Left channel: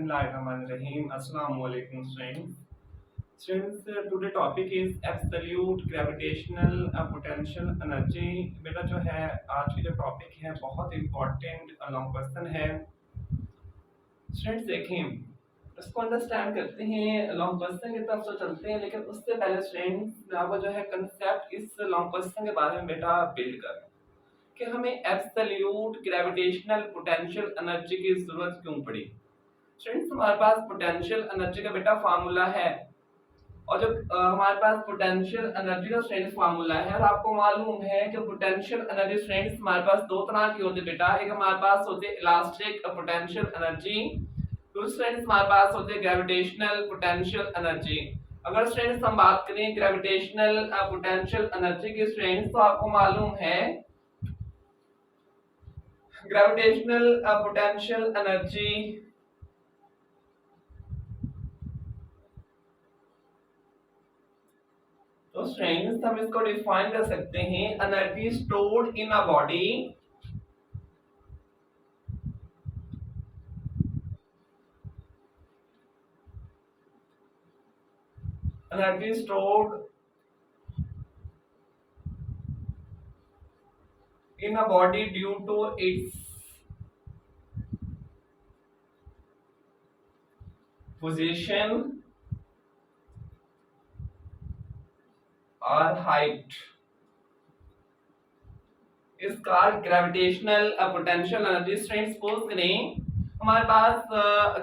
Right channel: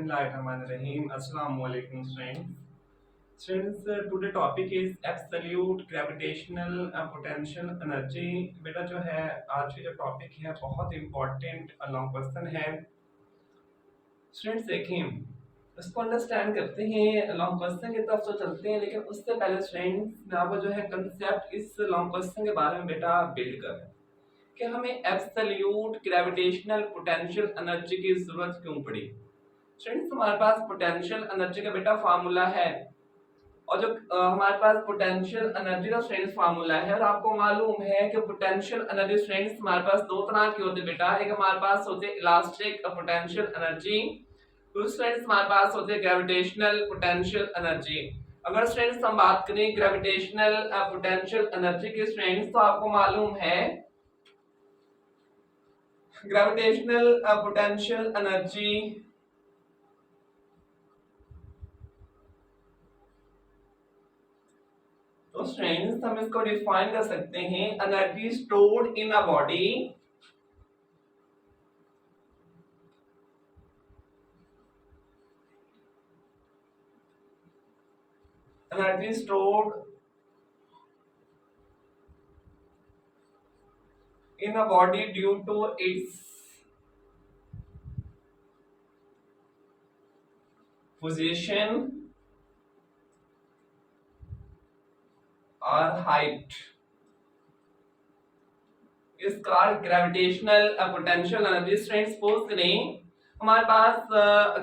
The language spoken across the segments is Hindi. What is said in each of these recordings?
Bismillahirrahmanirrahim. Assalamu alaikum students. Students, today topic is absolute gravitational potential energy. बेटा जो है आज की जो टॉपिक है बहुत इम्पोर्टेंट लॉन्ग क्वेश्चन है. स्टूडेंट्स देखें इसको अंडरस्टैंड करते हैं, लॉन्ग क्वेश्चन की तरफ तो चलते हैं, लेकिन उससे पहले स्टूडेंट्स आपको जो है कंसेप्ट इस लॉन्ग क्वेश्चन के बारे में बेटा बिल्ड करें कि हमें एब्सोल्यूट ग्रेविटेशनल पोटेंशियल एनर्जी की जरूरत क्यों पड़ी. स्टूडेंट्स हमारे पास पोटेंशियल एनर्जी का बेटा फार्मूला है, और जो हमारे पास पोटेंशियल एनर्जी का स्ट्रेंथ फार्मूला है, और आपको मालूम है कि पोटेंशियल एनर्जी स्ट्रेंथ हमारे पास दो तरह की होती है बेटा. एक हमारे पास होते हैं इलास्टिक पोटेंशियल एनर्जी, दूसरी स्ट्रेंथ हमारे पास होते हैं ग्रेविटेशनल पोटेंशियल एनर्जी. अगर स्ट्रेंथ हम बात करें ग्रेविटेशनल पोटेंशियल एनर्जी की स्ट्रेंथ, तो आपको मालूम है ग्रेविटेशनल पोटेंशियल एनर्जी तो स्ट्रेंथ हम इसको डिफाइन कर सकते हैं energy stored in a body energy stored in a body due to its position or height is called gravitational potential energy. Strength suppose करें हमारे पास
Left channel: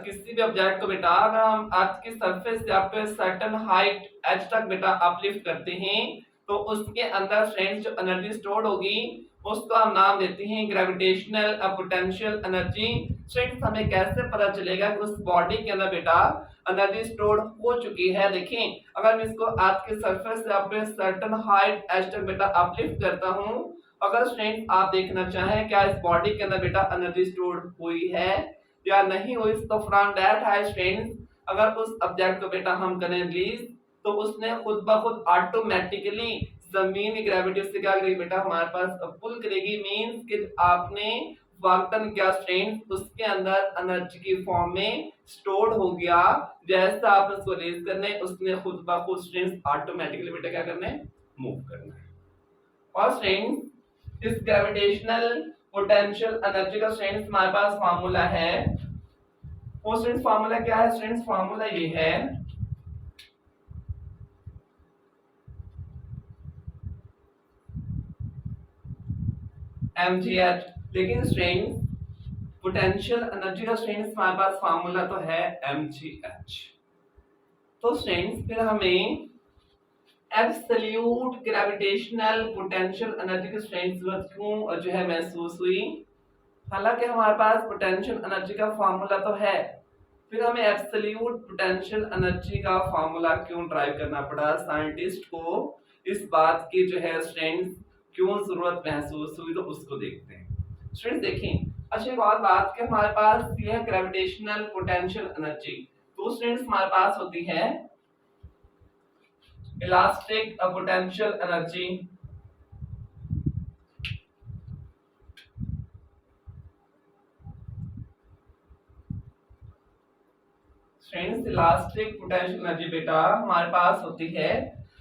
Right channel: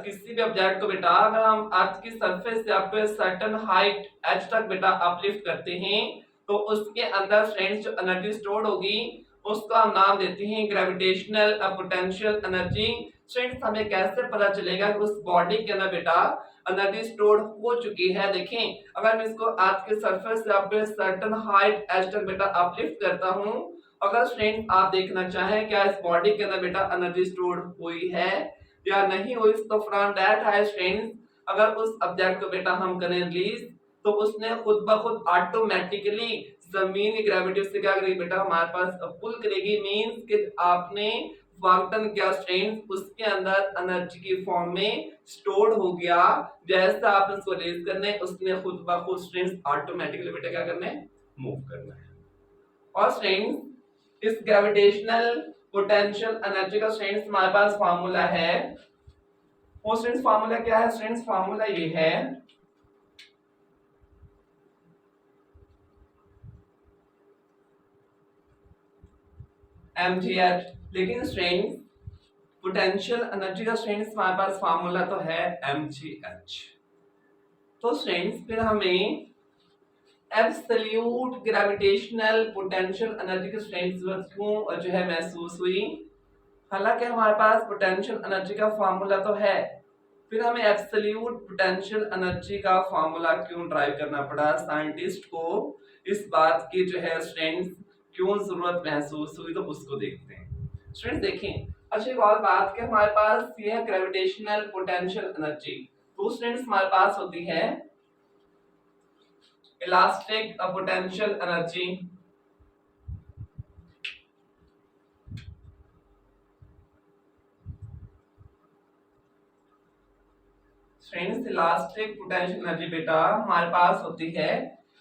किसी भी ऑब्जेक्ट को बेटा अगर हम अर्थ की सरफेस से आप सर्टेन हाइट h तक बेटा अपलिफ्ट करते हैं, तो उसके अंदर स्ट्रेंथ जो एनर्जी स्टोर्ड होगी उसको हम नाम देते हैं ग्रेविटेशनल पोटेंशियल एनर्जी. स्ट्रेंथ हमें कैसे पता चलेगा कि उस बॉडी के अंदर बेटा एनर्जी स्टोर्ड हो चुकी है. देखें अगर मैं इसको अर्थ के सरफेस से आप सर्टेन हाइट h तक बेटा अपलिफ्ट करता हूं, अगर स्ट्रेंथ आप देखना चाहें क्या इस बॉडी के अंदर बेटा एनर्जी स्टोर्ड हुई है या नहीं हुई, तो फ्रॉम दैट हाई स्ट्रेंथ अगर उस ऑब्जेक्ट को बेटा हम करें रिलीज, तो उसने खुद ब खुद ऑटोमेटिकली जमीन की ग्रेविटी से क्या करेगी बेटा हमारे पास पुल करेगी. मींस कि आपने वर्क डन किया स्ट्रेंथ उसके अंदर एनर्जी की फॉर्म में स्टोर्ड हो गया. जैसा आप उसको रिलीज करने उसने खुद ब खुद स्ट्रेंथ ऑटोमेटिकली बेटा क्या करना है, मूव करना है. और स्ट्रेंथ इस ग्रेविटेशनल पोटेंशियल एनर्जी का स्ट्रेंथ हमारे पास फार्मूला है. वो स्ट्रेंथ फार्मूला क्या है? स्ट्रेंथ फार्मूला ये है mgh. लेकिन स्ट्रेंथ पोटेंशियल एनर्जी का स्ट्रेंथ हमारे पास फार्मूला तो है mgh. तो स्ट्रेंथ फिर हमें एब्सोल्यूट ग्रेविटेशनल पोटेंशियल एनर्जी की स्ट्रेंथ जरूरत क्यों जो है महसूस हुई? हालांकि हमारे पास पोटेंशियल एनर्जी का फार्मूला तो है, फिर हमें एब्सोल्यूट पोटेंशियल एनर्जी का फार्मूला क्यों ड्राइव करना पड़ा? साइंटिस्ट को इस बात की जो है स्ट्रेंथ क्यों जरूरत महसूस हुई, तो उसको देखते हैं. स्टूडेंट्स देखें अच्छा एक और बात कि हमारे पास ये है ग्रेविटेशनल पोटेंशियल एनर्जी, तो स्टूडेंट्स हमारे पास होती है elastic potential energy. Strength elastic potential energy बेटा हमारे पास होती है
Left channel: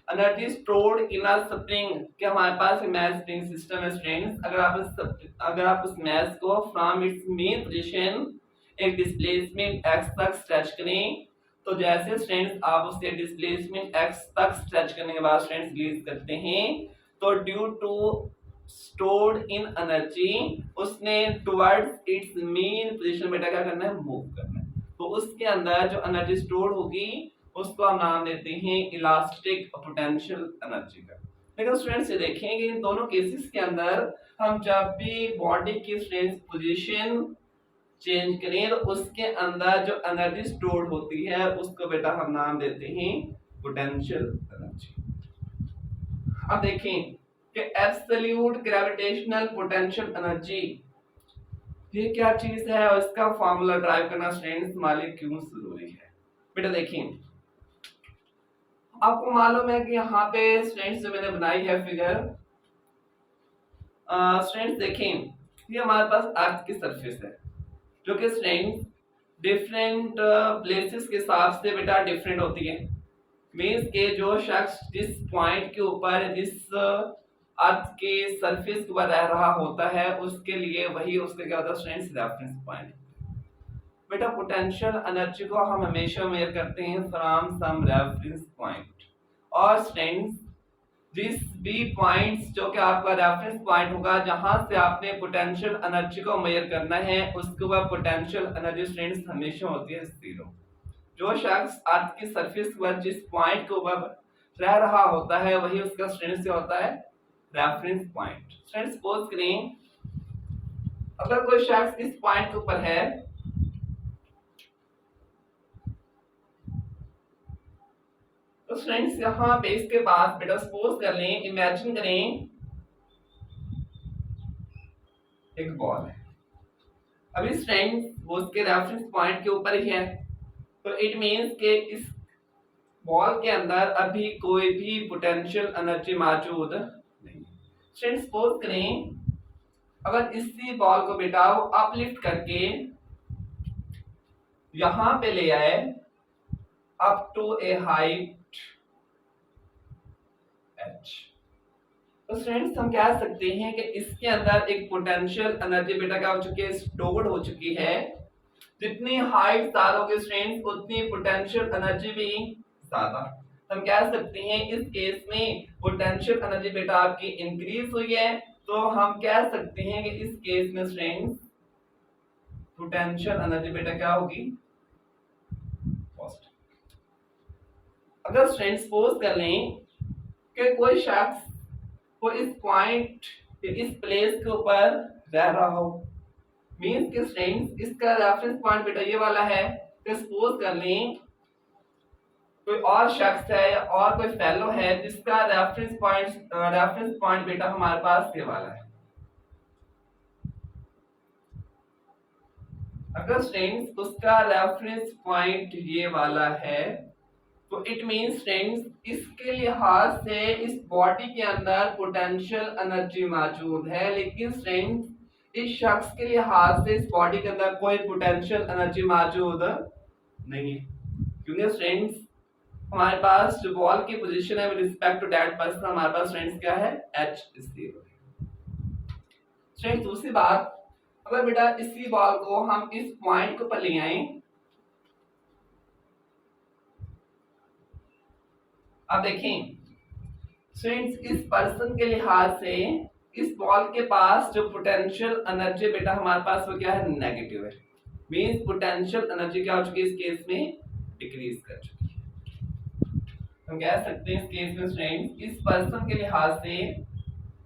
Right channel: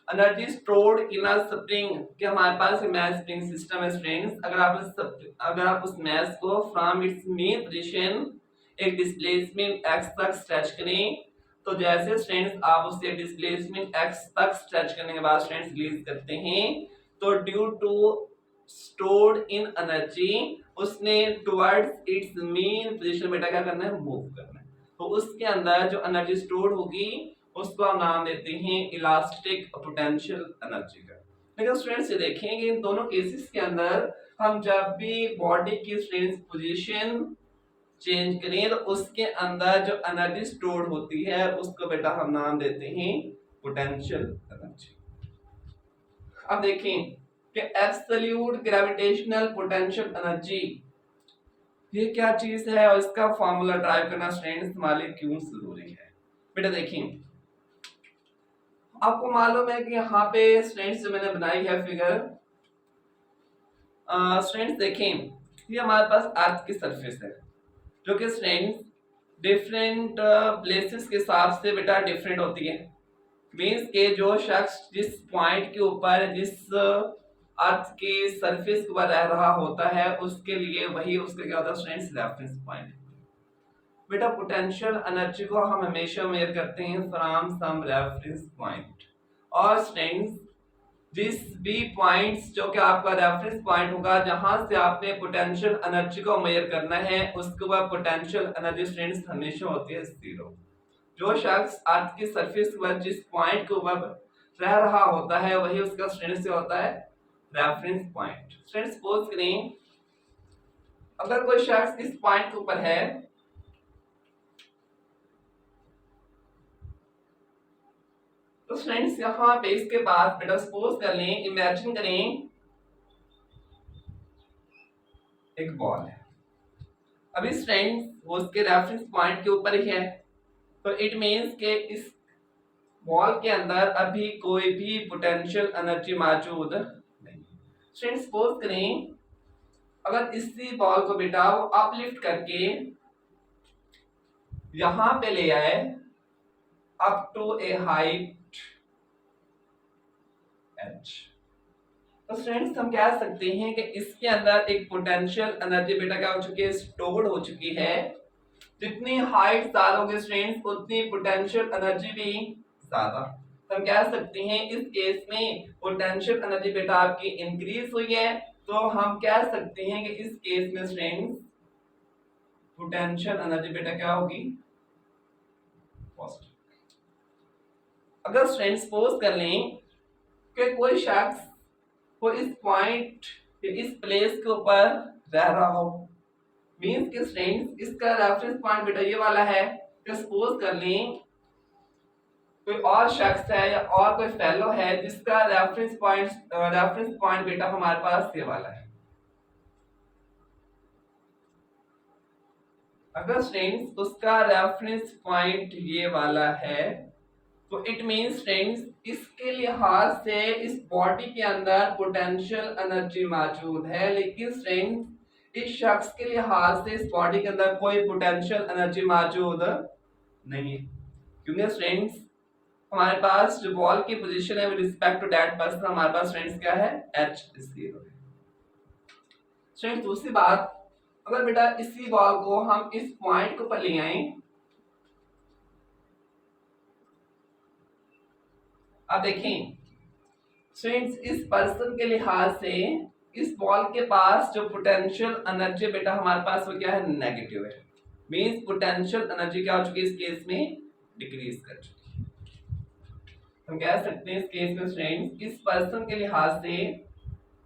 energy stored in a spring. कि हमारे पास मैथ स्प्रिंग सिस्टम है स्ट्रेंथ. अगर आप उस मैथ को फ्रॉम इट्स मेन पोजीशन एक डिस्प्लेसमेंट x तक स्ट्रेच करें, तो जैसे स्ट्रेंथ आप उससे डिस्प्लेसमेंट x तक स्ट्रेच करने के बाद स्ट्रेंथ रिलीज करते हैं, तो due to stored in energy उसने टुवर्ड्स इट्स मेन पोजीशन बेटा क्या करना है, मूव करना है. तो उसके अंदर जो एनर्जी स्टोर्ड होगी उसको हम नाम देते हैं इलास्टिक पोटेंशियल एनर्जी का. लेकिन स्टूडेंट्स ये देखेंगे इन दोनों केसेस के अंदर हम जब भी बॉडी की स्ट्रेंथ पोजीशन चेंज करें तो उसके अंदर जो एनर्जी स्टोर्ड होती है उसको बेटा हम नाम देते हैं पोटेंशियल एनर्जी. अब देखें कि एब्सोल्यूट ग्रेविटेशनल पोटेंशियल एनर्जी ये क्या चीज है और इसका फार्मूला ड्राइव करना स्ट्रेंथ हमारे लिए क्यों जरूरी है. बेटा देखें आपको मालूम है कि यहाँ पे स्ट्रेंथ जो मैंने बनाई है फिगर, स्ट्रेंथ देखें ये हमारे पास अर्थ की सरफेस है जो कि स्ट्रेंथ डिफरेंट प्लेसेस के हिसाब से बेटा डिफरेंट होती है। मीन्स के जो शख्स जिस पॉइंट के ऊपर जिस अर्थ के सरफेस के ऊपर रह रहा होता है उसके लिए वही उसका क्या होता है स्टूडेंट्स रेफरेंस पॉइंट। बेटा पोटेंशियल एनर्जी को हम हमेशा मेजर करते हैं फ्रॉम सम रेफरेंस पॉइंट। और स्टूडेंट्स जिस भी पॉइंट्स जो कि आपका रेफरेंस पॉइंट होगा जहां से आपने पोटेंशियल एनर्जी को मेजर करना है उसके ऊपर पोटेंशियल एनर्जी स्टूडेंट्स हमेशा होती है जीरो। जो शख्स अर्थ की सरफेस पर जिस पॉइंट के ऊपर रह रहा होता है वही उसका स्टूडेंट्स क्या होता है रेफरेंस पॉइंट। स्टूडेंट्स सपोज करें अगर कोई शख्स इस पॉइंट के ऊपर है तो स्टूडेंट्स यहाँ पे इसके बाद बेटा सपोज कर लें इमेजिन करें एक बॉल है। अभी स्टूडेंट्स वो उसके रेफरेंस पॉइंट के ऊपर ही है तो इट मींस के इस बॉल के अंदर अभी कोई भी पोटेंशियल एनर्जी मौजूद नहीं। स्टूडेंट्स सपोज करें अगर इसी बॉल को बेटा वो अपलिफ्ट करके यहां पे ले आए up to a height h, तो स्टूडेंट्स हम कह सकते हैं कि इसके अंदर एक पोटेंशियल एनर्जी बेटा क्या हो चुकी है स्टोर्ड हो चुकी है। जितनी हाइट ज्यादा होगी स्टूडेंट्स उतनी पोटेंशियल एनर्जी भी ज्यादा। हम कह सकते हैं इस केस में पोटेंशियल एनर्जी बेटा आपकी इंक्रीज हुई है तो हम कह सकते हैं कि इस केस में स्टूडेंट्स पोटेंशियल एनर्जी बेटा क्या होगी पॉजिटिव। अगर स्टूडेंट्स सपोज कर लें कि कोई शख्स को इस पॉइंट इस प्लेस के ऊपर रह रहा हो मींस कि स्टूडेंट्स इसका रेफरेंस पॉइंट बेटा ये वाला है कि सपोज कर लें कोई और शख्स है या और कोई फेलो है जिसका रेफरेंस पॉइंट बेटा हमारे पास ये वाला है। अगर स्टूडेंट्स उसका रेफरेंस पॉइंट ये वाला है तो इट मींस स्टूडेंट्स इसके लिहाज से इस बॉडी के अंदर पोटेंशियल एनर्जी मौजूद है लेकिन स्टूडेंट्स इस शख्स के लिहाज से इस बॉडी के अंदर कोई पोटेंशियल एनर्जी मौजूद नहीं है क्योंकि स्टूडेंट्स हमारे पास जो बॉल की पोजीशन है with respect to that person हमारे पास स्टूडेंट्स क्या है h is 0। स्टूडेंट्स दूसरी बात अगर बेटा इसी बॉल को हम इस पॉइंट को पर ले आए अब देखें स्टूडेंट्स इस पर्सन के लिहाज से इस बॉल के पास जो पोटेंशियल एनर्जी बेटा हमारे पास वो क्या है नेगेटिव है। मींस पोटेंशियल एनर्जी क्या हो चुकी है इस केस में डिक्रीज कर चुकी है। हम कह सकते हैं इस केस में स्टूडेंट्स इस पर्सन के लिहाज से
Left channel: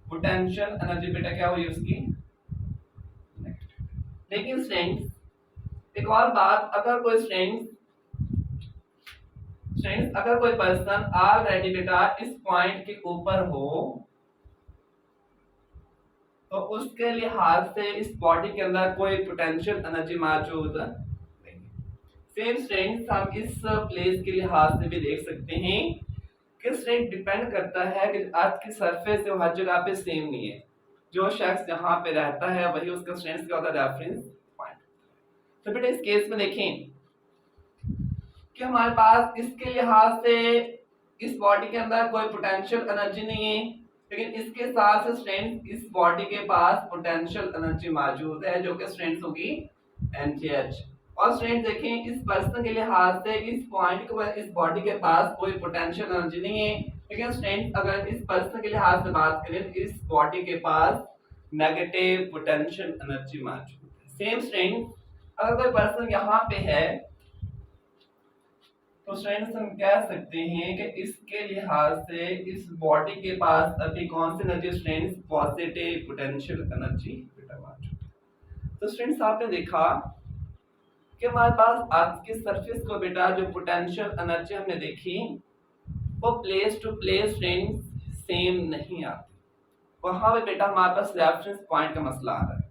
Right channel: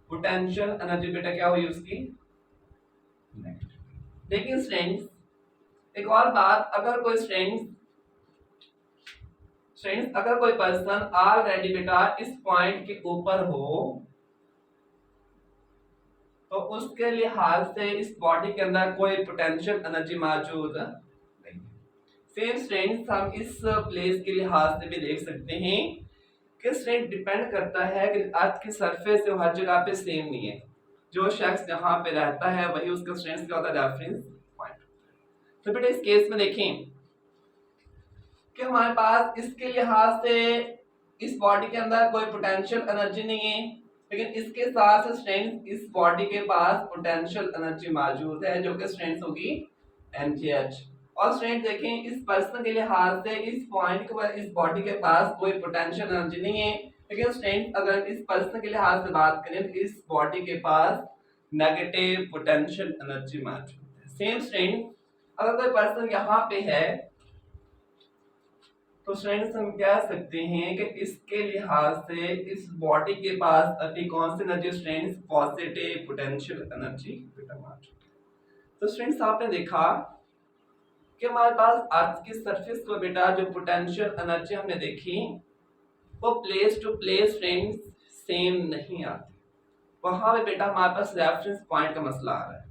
पोटेंशियल एनर्जी बेटा क्या हुई उसकी नेगेटिव। लेकिन स्टूडेंट्स एक और बात अगर कोई स्टूडेंट्स अगर कोई पर्सन ऑलरेडी बेटा इस पॉइंट के ऊपर हो तो उसके लिहाज से इस बॉडी के अंदर कोई पोटेंशियल एनर्जी मौजूद नहीं। सेम स्ट्रेंथ हम इस प्लेस के लिहाज से भी देख सकते हैं कि स्ट्रेंथ डिपेंड करता है कि अर्थ की सरफेस जो हर जगह पे सेम नहीं है। जो शख्स जहां पे रहता है वही उसका स्ट्रेंथ क्या होता है रेफरेंस पॉइंट। तो बेटा इस केस में देखें कि हमारे पास इसके लिहाज से इस बॉडी के अंदर कोई पोटेंशियल एनर्जी नहीं है लेकिन इसके साथ स्ट्रेंथ इस बॉडी के पास पोटेंशियल एनर्जी मौजूद है जो कि स्ट्रेंथ होगी NGH। और स्ट्रेंथ देखें इस पर्सन के लिहाज से इस पॉइंट के इस बॉडी के पास कोई पोटेंशियल एनर्जी नहीं है लेकिन स्ट्रेंथ अगर इस पर्सन के लिहाज से बात करें तो इस बॉडी के पास नेगेटिव पोटेंशियल एनर्जी मौजूद है। सेम स्ट्रेंथ अगर कोई पर्सन यहाँ पे है तो स्टूडेंट्स हम कह सकते हैं कि इसके लिहाज से इस बॉडी के पास अभी कौन सी energy students positive potential energy बेटा मौजूद है। तो स्टूडेंट्स आपने देखा कि हमारे पास अर्थ की सरफेस को बेटा जो पोटेंशियल एनर्जी हमने देखी वो place to place students same नहीं आती। वहां पे बेटा हमारे पास रेफरेंस पॉइंट का मसला आ रहा है।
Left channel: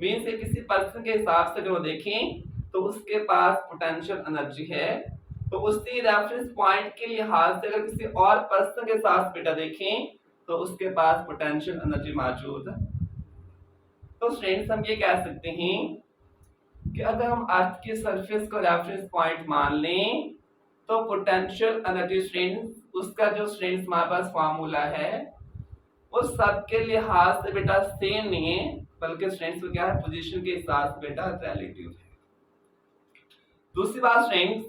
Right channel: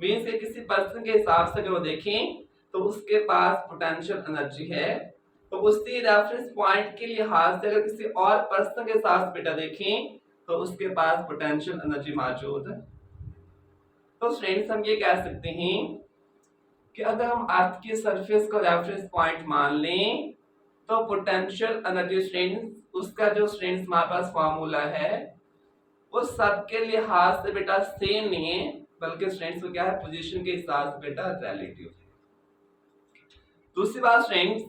मीन्स के किसी पर्सन के हिसाब से अगर वो देखें तो उसके पास पोटेंशियल एनर्जी है तो उसी रेफरेंस पॉइंट के लिहाज से अगर किसी और पर्सन के साथ बेटा देखें तो उसके पास पोटेंशियल एनर्जी मौजूद है। तो स्टूडेंट्स हम ये कह सकते हैं कि अगर हम अर्थ की सरफेस को रेफरेंस पॉइंट मान लें तो पोटेंशियल एनर्जी स्ट्रेंथ उसका जो स्ट्रेंथ हमारे पास फार्मूला है वो सबके लिहाज से बेटा सेम नहीं है, बल्कि स्ट्रेंथ क्या है पोजीशन के हिसाब से बेटा रिलेटिव है। दूसरी बात स्ट्रेंथ,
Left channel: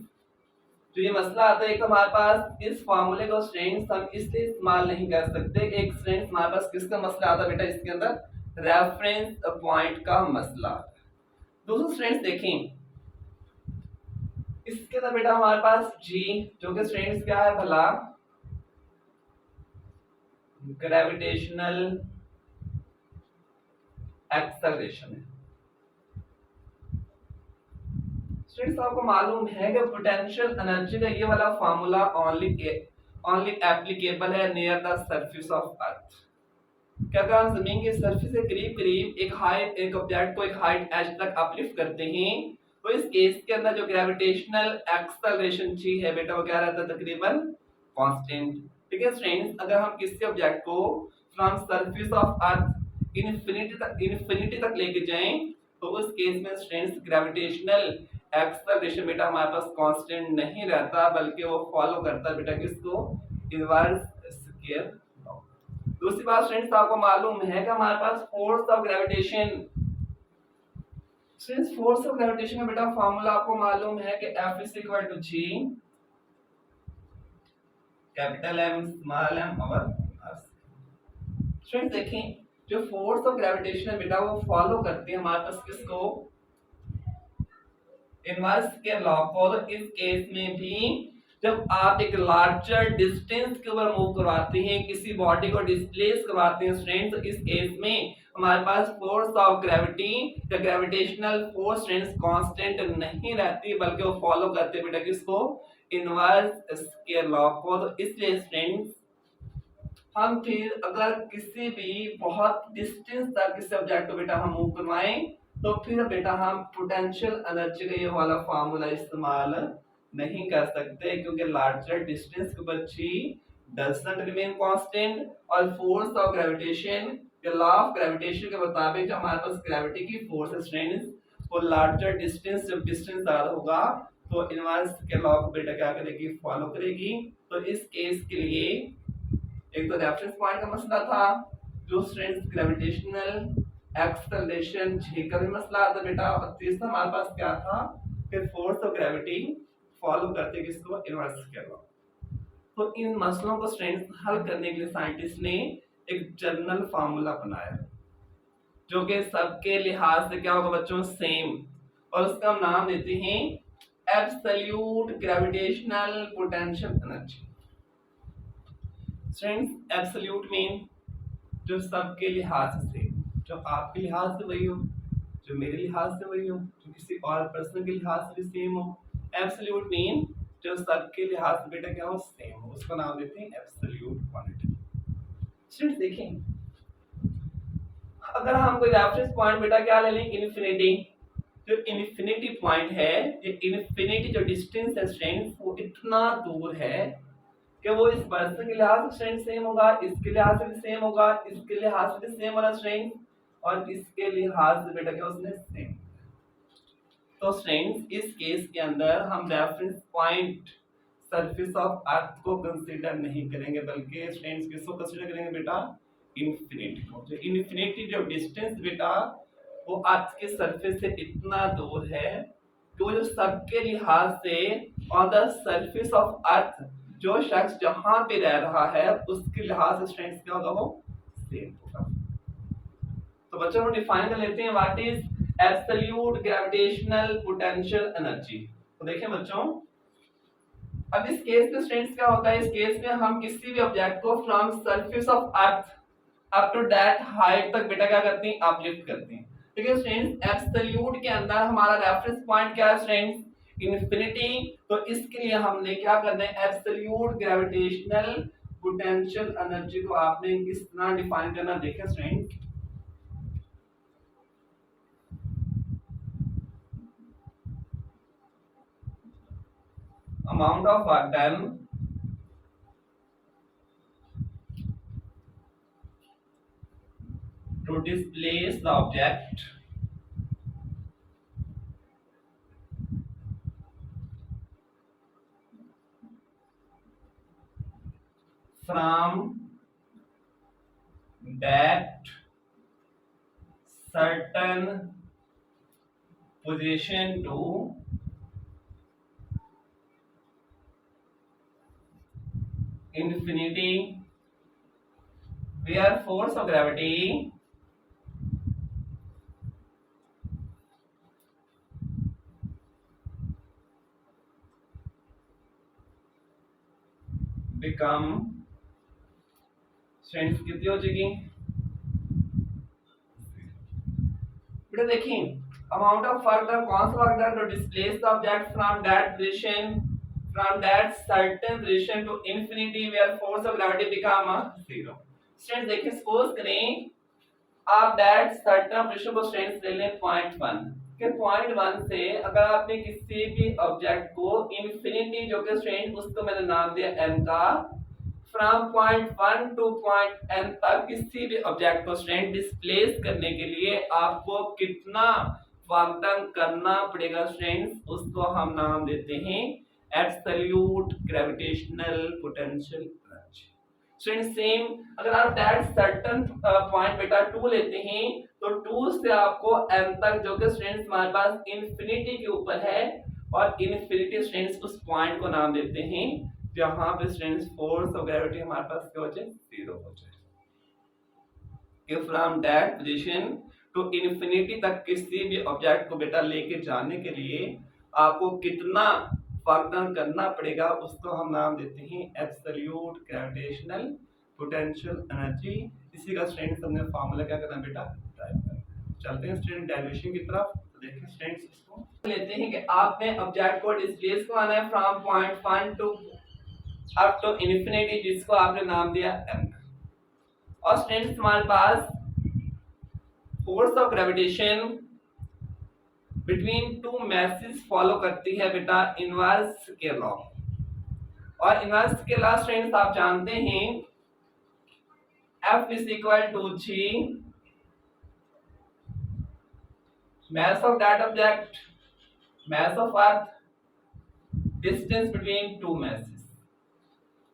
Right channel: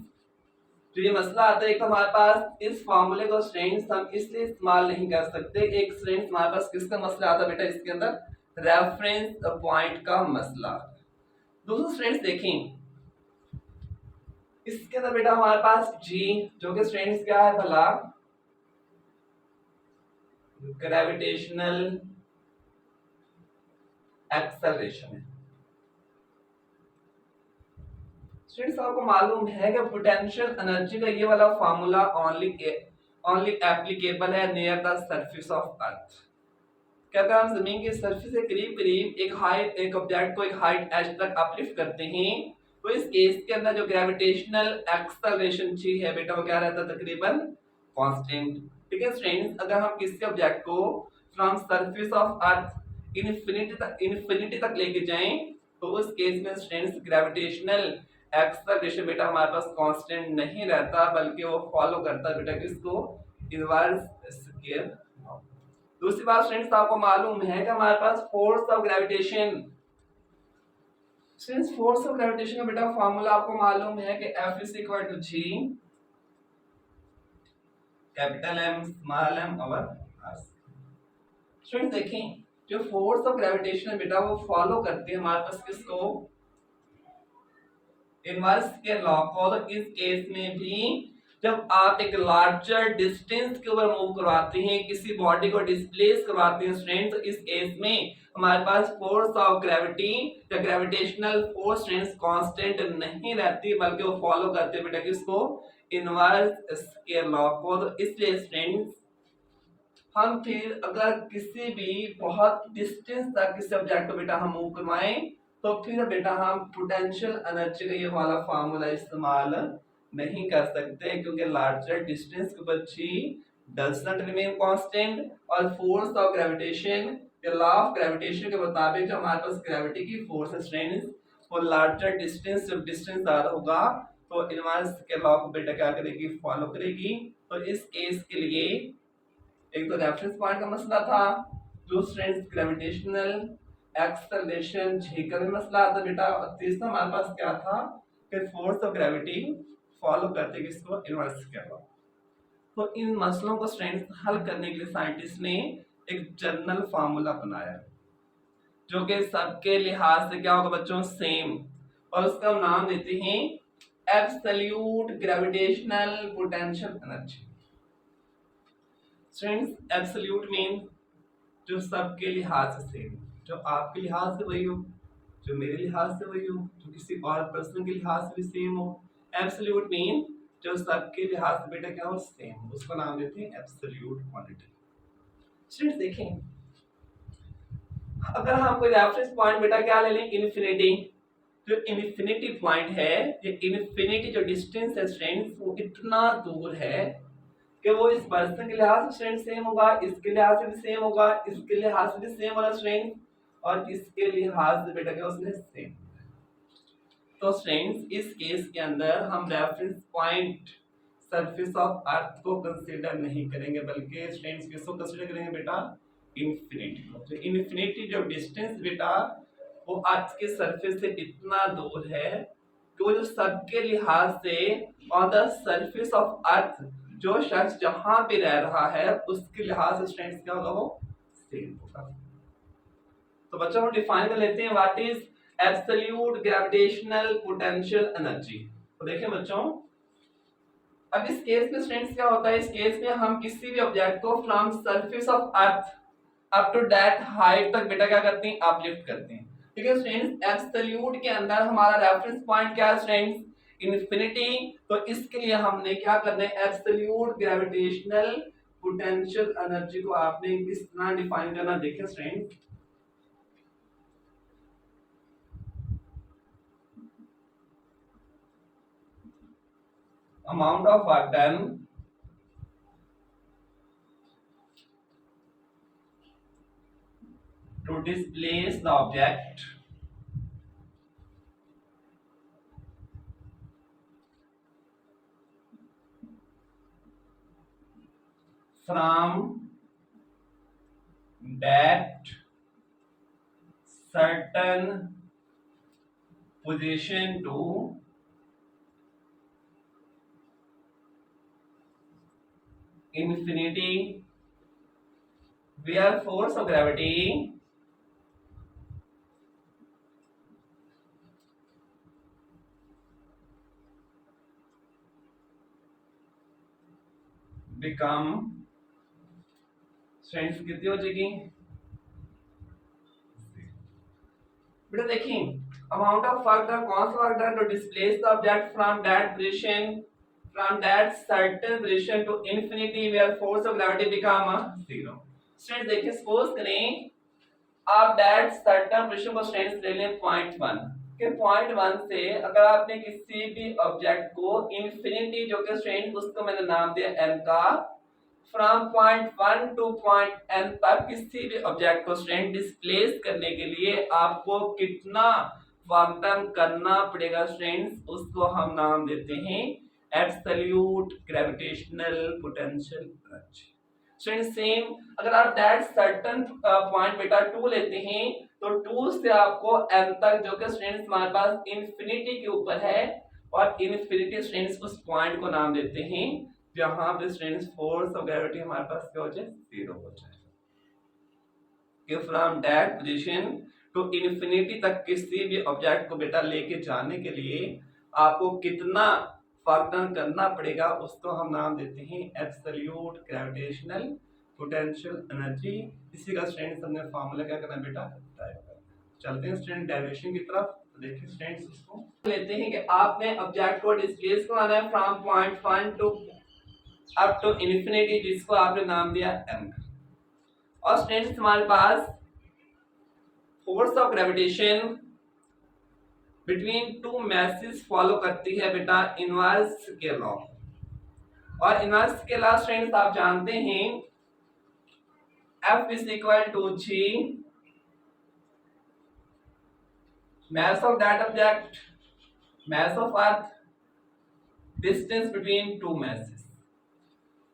तो ये मसला आता है कि हमारे पास इस फार्मूले को स्ट्रेंथ हम इसलिए इस्तेमाल नहीं कर सकते। एक स्ट्रेंथ हमारे पास किसका मसला आता है बेटा, इसके अंदर रेफरेंस पॉइंट का मसला। दूसरा स्ट्रेंथ देखें, इसके अंदर बेटा हमारे पास जी जो कि स्ट्रेंथ क्या है भला, ग्रेविटेशनल एक्सेलरेशन है। स्टूडेंट्स आपको मालूम है कि पोटेंशियल एनर्जी का ये वाला फार्मूला ओनली एप्लीकेबल है नियर द सरफेस ऑफ अर्थ। क्या अगर हम जमीन की सरफेस से करीब करीब एक ऑब्जेक्ट को एक हाइट एच तक अपलिफ्ट करते हैं तो इस केस के अंदर जो ग्रेविटेशनल एक्सेलरेशन जी है बेटा वो क्या रहता है तकरीबन कांस्टेंट। ठीक है स्टूडेंट्स, अगर हम किसी ऑब्जेक्ट को from surface of earth infinity तक लेके जाएं तो उस केस में स्टूडेंट्स ग्रेविटेशनल एक्सेलरेशन बेटा हमारे पास कांस्टेंट नहीं रहता, बल्कि वो फॉलो करता है बेटा किसको, इनवर्स स्क्वायर लॉ। दूसरी बात फ्रेंड्स आपको मालूम है कि हमारे पास force of gravitation, since force of gravitation का बेटा फार्मूला आपको मालूम है कि F is equal to G capital M small m over r। Friends देखें जो फोर्स ऑफ ग्रेविटेशन बेटा वो फॉलो करती है हमारे पास किसको, इनवर्स के लॉ को। तो इस केस में भी जब आप एक लार्जर डिस्टेंस के ऊपर मूव करवाते हैं, किसी बॉडी को डिस्प्लेस करवाते हैं स्ट्रेंथ, तो इस केस में हमारे पास फोर्स ऑफ ग्रेविटी या ग्रेविटेशनल फोर्स स्ट्रेंथ कांस्टेंट नहीं रहती, बल्कि वो फॉलो करते हैं बेटा किसको, इनवर्स स्क्वायर लॉ को। तो इसलिए स्ट्रेंथ हम फिर अगर किसी भी बहुत डिस्टेंस तक किसी ऑब्जेक्ट को बेटा हम मूव करवाएं तो फिर बेटा हम पोटेंशियल एनर्जी का ये वाला फार्मूला इस्तेमाल नहीं कर सकते, क्योंकि लार्जर डिस्टेंस के ऊपर जी डजंट रिमेन कांस्टेंट और फोर्स ऑफ ग्रेविटेशन या लॉ ऑफ ग्रेविटेशन के मुताबिक जो हमारे पास ग्रेविटी की फोर्स है स्ट्रेंथ वो लार्जर डिस्टेंस जब डिस्टेंस ज्यादा होगा तो इनवर्स के लॉ को बेटा क्या करेगी, फॉलो करेगी। तो इस केस के लिए एक तो रेफरेंस पॉइंट का मसला था, जो स्ट्रेंथ ग्रेविटेशनल एक्सेलरेशन जी का भी मसला आता बेटा, और तीसरा हमारे पास क्या था कि फोर्स ऑफ ग्रेविटी फॉलो करते किसको, इनवर्स के लॉ। तो इन मसलों को स्ट्रेंथ हल करने के लिए साइंटिस्ट ने एक जनरल फार्मूला बनाया जो कि सबके लिहाज से क्या होगा बच्चों, सेम, और उसका हम नाम देते हैं absolute gravitational potential energy. Students absolute mean जो सबके लिहाज से सेम, जो आपके लिहाज से वही हो, जो मेरे लिहाज से वही हो, जो किसी और पर्सन के लिहाज से भी सेम हो। एब्सोल्यूट मीन जो सबके लिहाज से बेटा क्या हो, सेम हो, उसका नाम देते हैं एब्सोल्यूट क्वांटिटी। स्टूडेंट्स देखें अगर हम कोई रेफरेंस पॉइंट बेटा क्या ले लें, इन्फिनिटी, जो इन्फिनिटी पॉइंट है, ये इन्फिनिटी जो डिस्टेंस है स्टूडेंट्स वो इतना दूर है कि वो इस पर्सन के लिहाज से स्ट्रेंथ सेम होगा, इसके लिहाज से भी सेम होगा, इसके लिहाज से भी सेम होगा स्ट्रेंथ, और इसके लिहाज से बेटा क्या उसने सेम। तो स्ट्रेंथ इस केस के अंदर हम रेफरेंस पॉइंट सरफेस ऑफ अर्थ को कंसीडर नहीं करेंगे, बल्कि स्ट्रेंथ किसको कंसीडर करेंगे बेटा, इन्फिनिटी को। जो इन्फिनिटी जो डिस्टेंस बेटा वो अर्थ के सरफेस से इतना दूर है कि वो जो सबके लिहाज से ऑन द सरफेस ऑफ अर्थ जो शख्स जहां पे रह रहा है उसके लिहाज से स्ट्रेंथ क्या होगा, वो सेम होगा। तो बच्चों हम डिफाइन कर लेते हैं what is absolute gravitational potential energy. तो देखें बच्चों अब इस केस में स्ट्रेंथ क्या होता है, इस केस में हम किसी भी ऑब्जेक्ट को from surface of earth up to that height तक बेटा क्या करते हैं, अपलिफ्ट करते हैं। ठीक है स्टूडेंट्स, एब्सोल्यूट के अंदर हमारा रेफरेंस पॉइंट क्या है स्टूडेंट्स, इन्फिनिटी। तो इसके लिए हमने क्या करना है, एब्सोल्यूट ग्रेविटेशनल पोटेंशियल एनर्जी को आपने किस तरह डिफाइन करना, देखें students amount of work done to displace the object from that certain position to infinity where force of gravity become strength कितनी हो जाएगी बेटा देखिए अमाउंट ऑफ वर्क डन कौन सा work done to displace the object from that position from that certain position to infinity where force of gravity become 0 students देखिए सपोज करें आप दैट सर्टेन पोजीशन को स्टूडेंट्स ले लें पॉइंट 1 के पॉइंट 1 से अगर आपने किसी भी ऑब्जेक्ट को इंफिनिटी जो कि स्टूडेंट उसको मैंने नाम दिया m का from point 1 to point n तक किसी भी ऑब्जेक्ट को स्टूडेंट डिस्प्लेस करने के लिए आपको कितना वर्क डन करना पड़ेगा स्टूडेंट्स उसको हम नाम देते हैं absolute gravitational potential energy student same अगर आप दैट सर्टेन पॉइंट बेटा 2 लेते हैं तो 2 से आपको n तक जो कि स्टूडेंट्स हमारे पास इंफिनिटी के ऊपर है और इंफिनिटी स्टूडेंट्स उस पॉइंट को नाम देते हैं जहां पे स्टूडेंट्स फोर्स ऑफ ग्रेविटी हमारे पास क्या हो जाए 0 हो जाए कि from that position to infinity तक किसी भी ऑब्जेक्ट को बेटा लेके जाने के लिए आपको कितना वर्क डन करना पड़ेगा उसको हम नाम देते हैं एब्सोल्यूट ग्रेविटेशनल पोटेंशियल एनर्जी इसी का स्टूडेंट्स हमने फार्मूला क्या करना बेटा टाइप करना चलते हैं स्टूडेंट डेरिवेशन की तरफ देखिए स्टूडेंट्स इसको लेते हैं कि आपने ऑब्जेक्ट को डिस्प्लेस करना है from point 1 to up to infinity जिसको आपने नाम दिया m और स्टूडेंट्स हमारे पास force of gravitation between two masses follow करती है बेटा इनवर्स के लॉ और इनवर्स के लॉ स्टूडेंट्स आप जानते हैं F is equal to G mass of that object mass of earth distance between two masses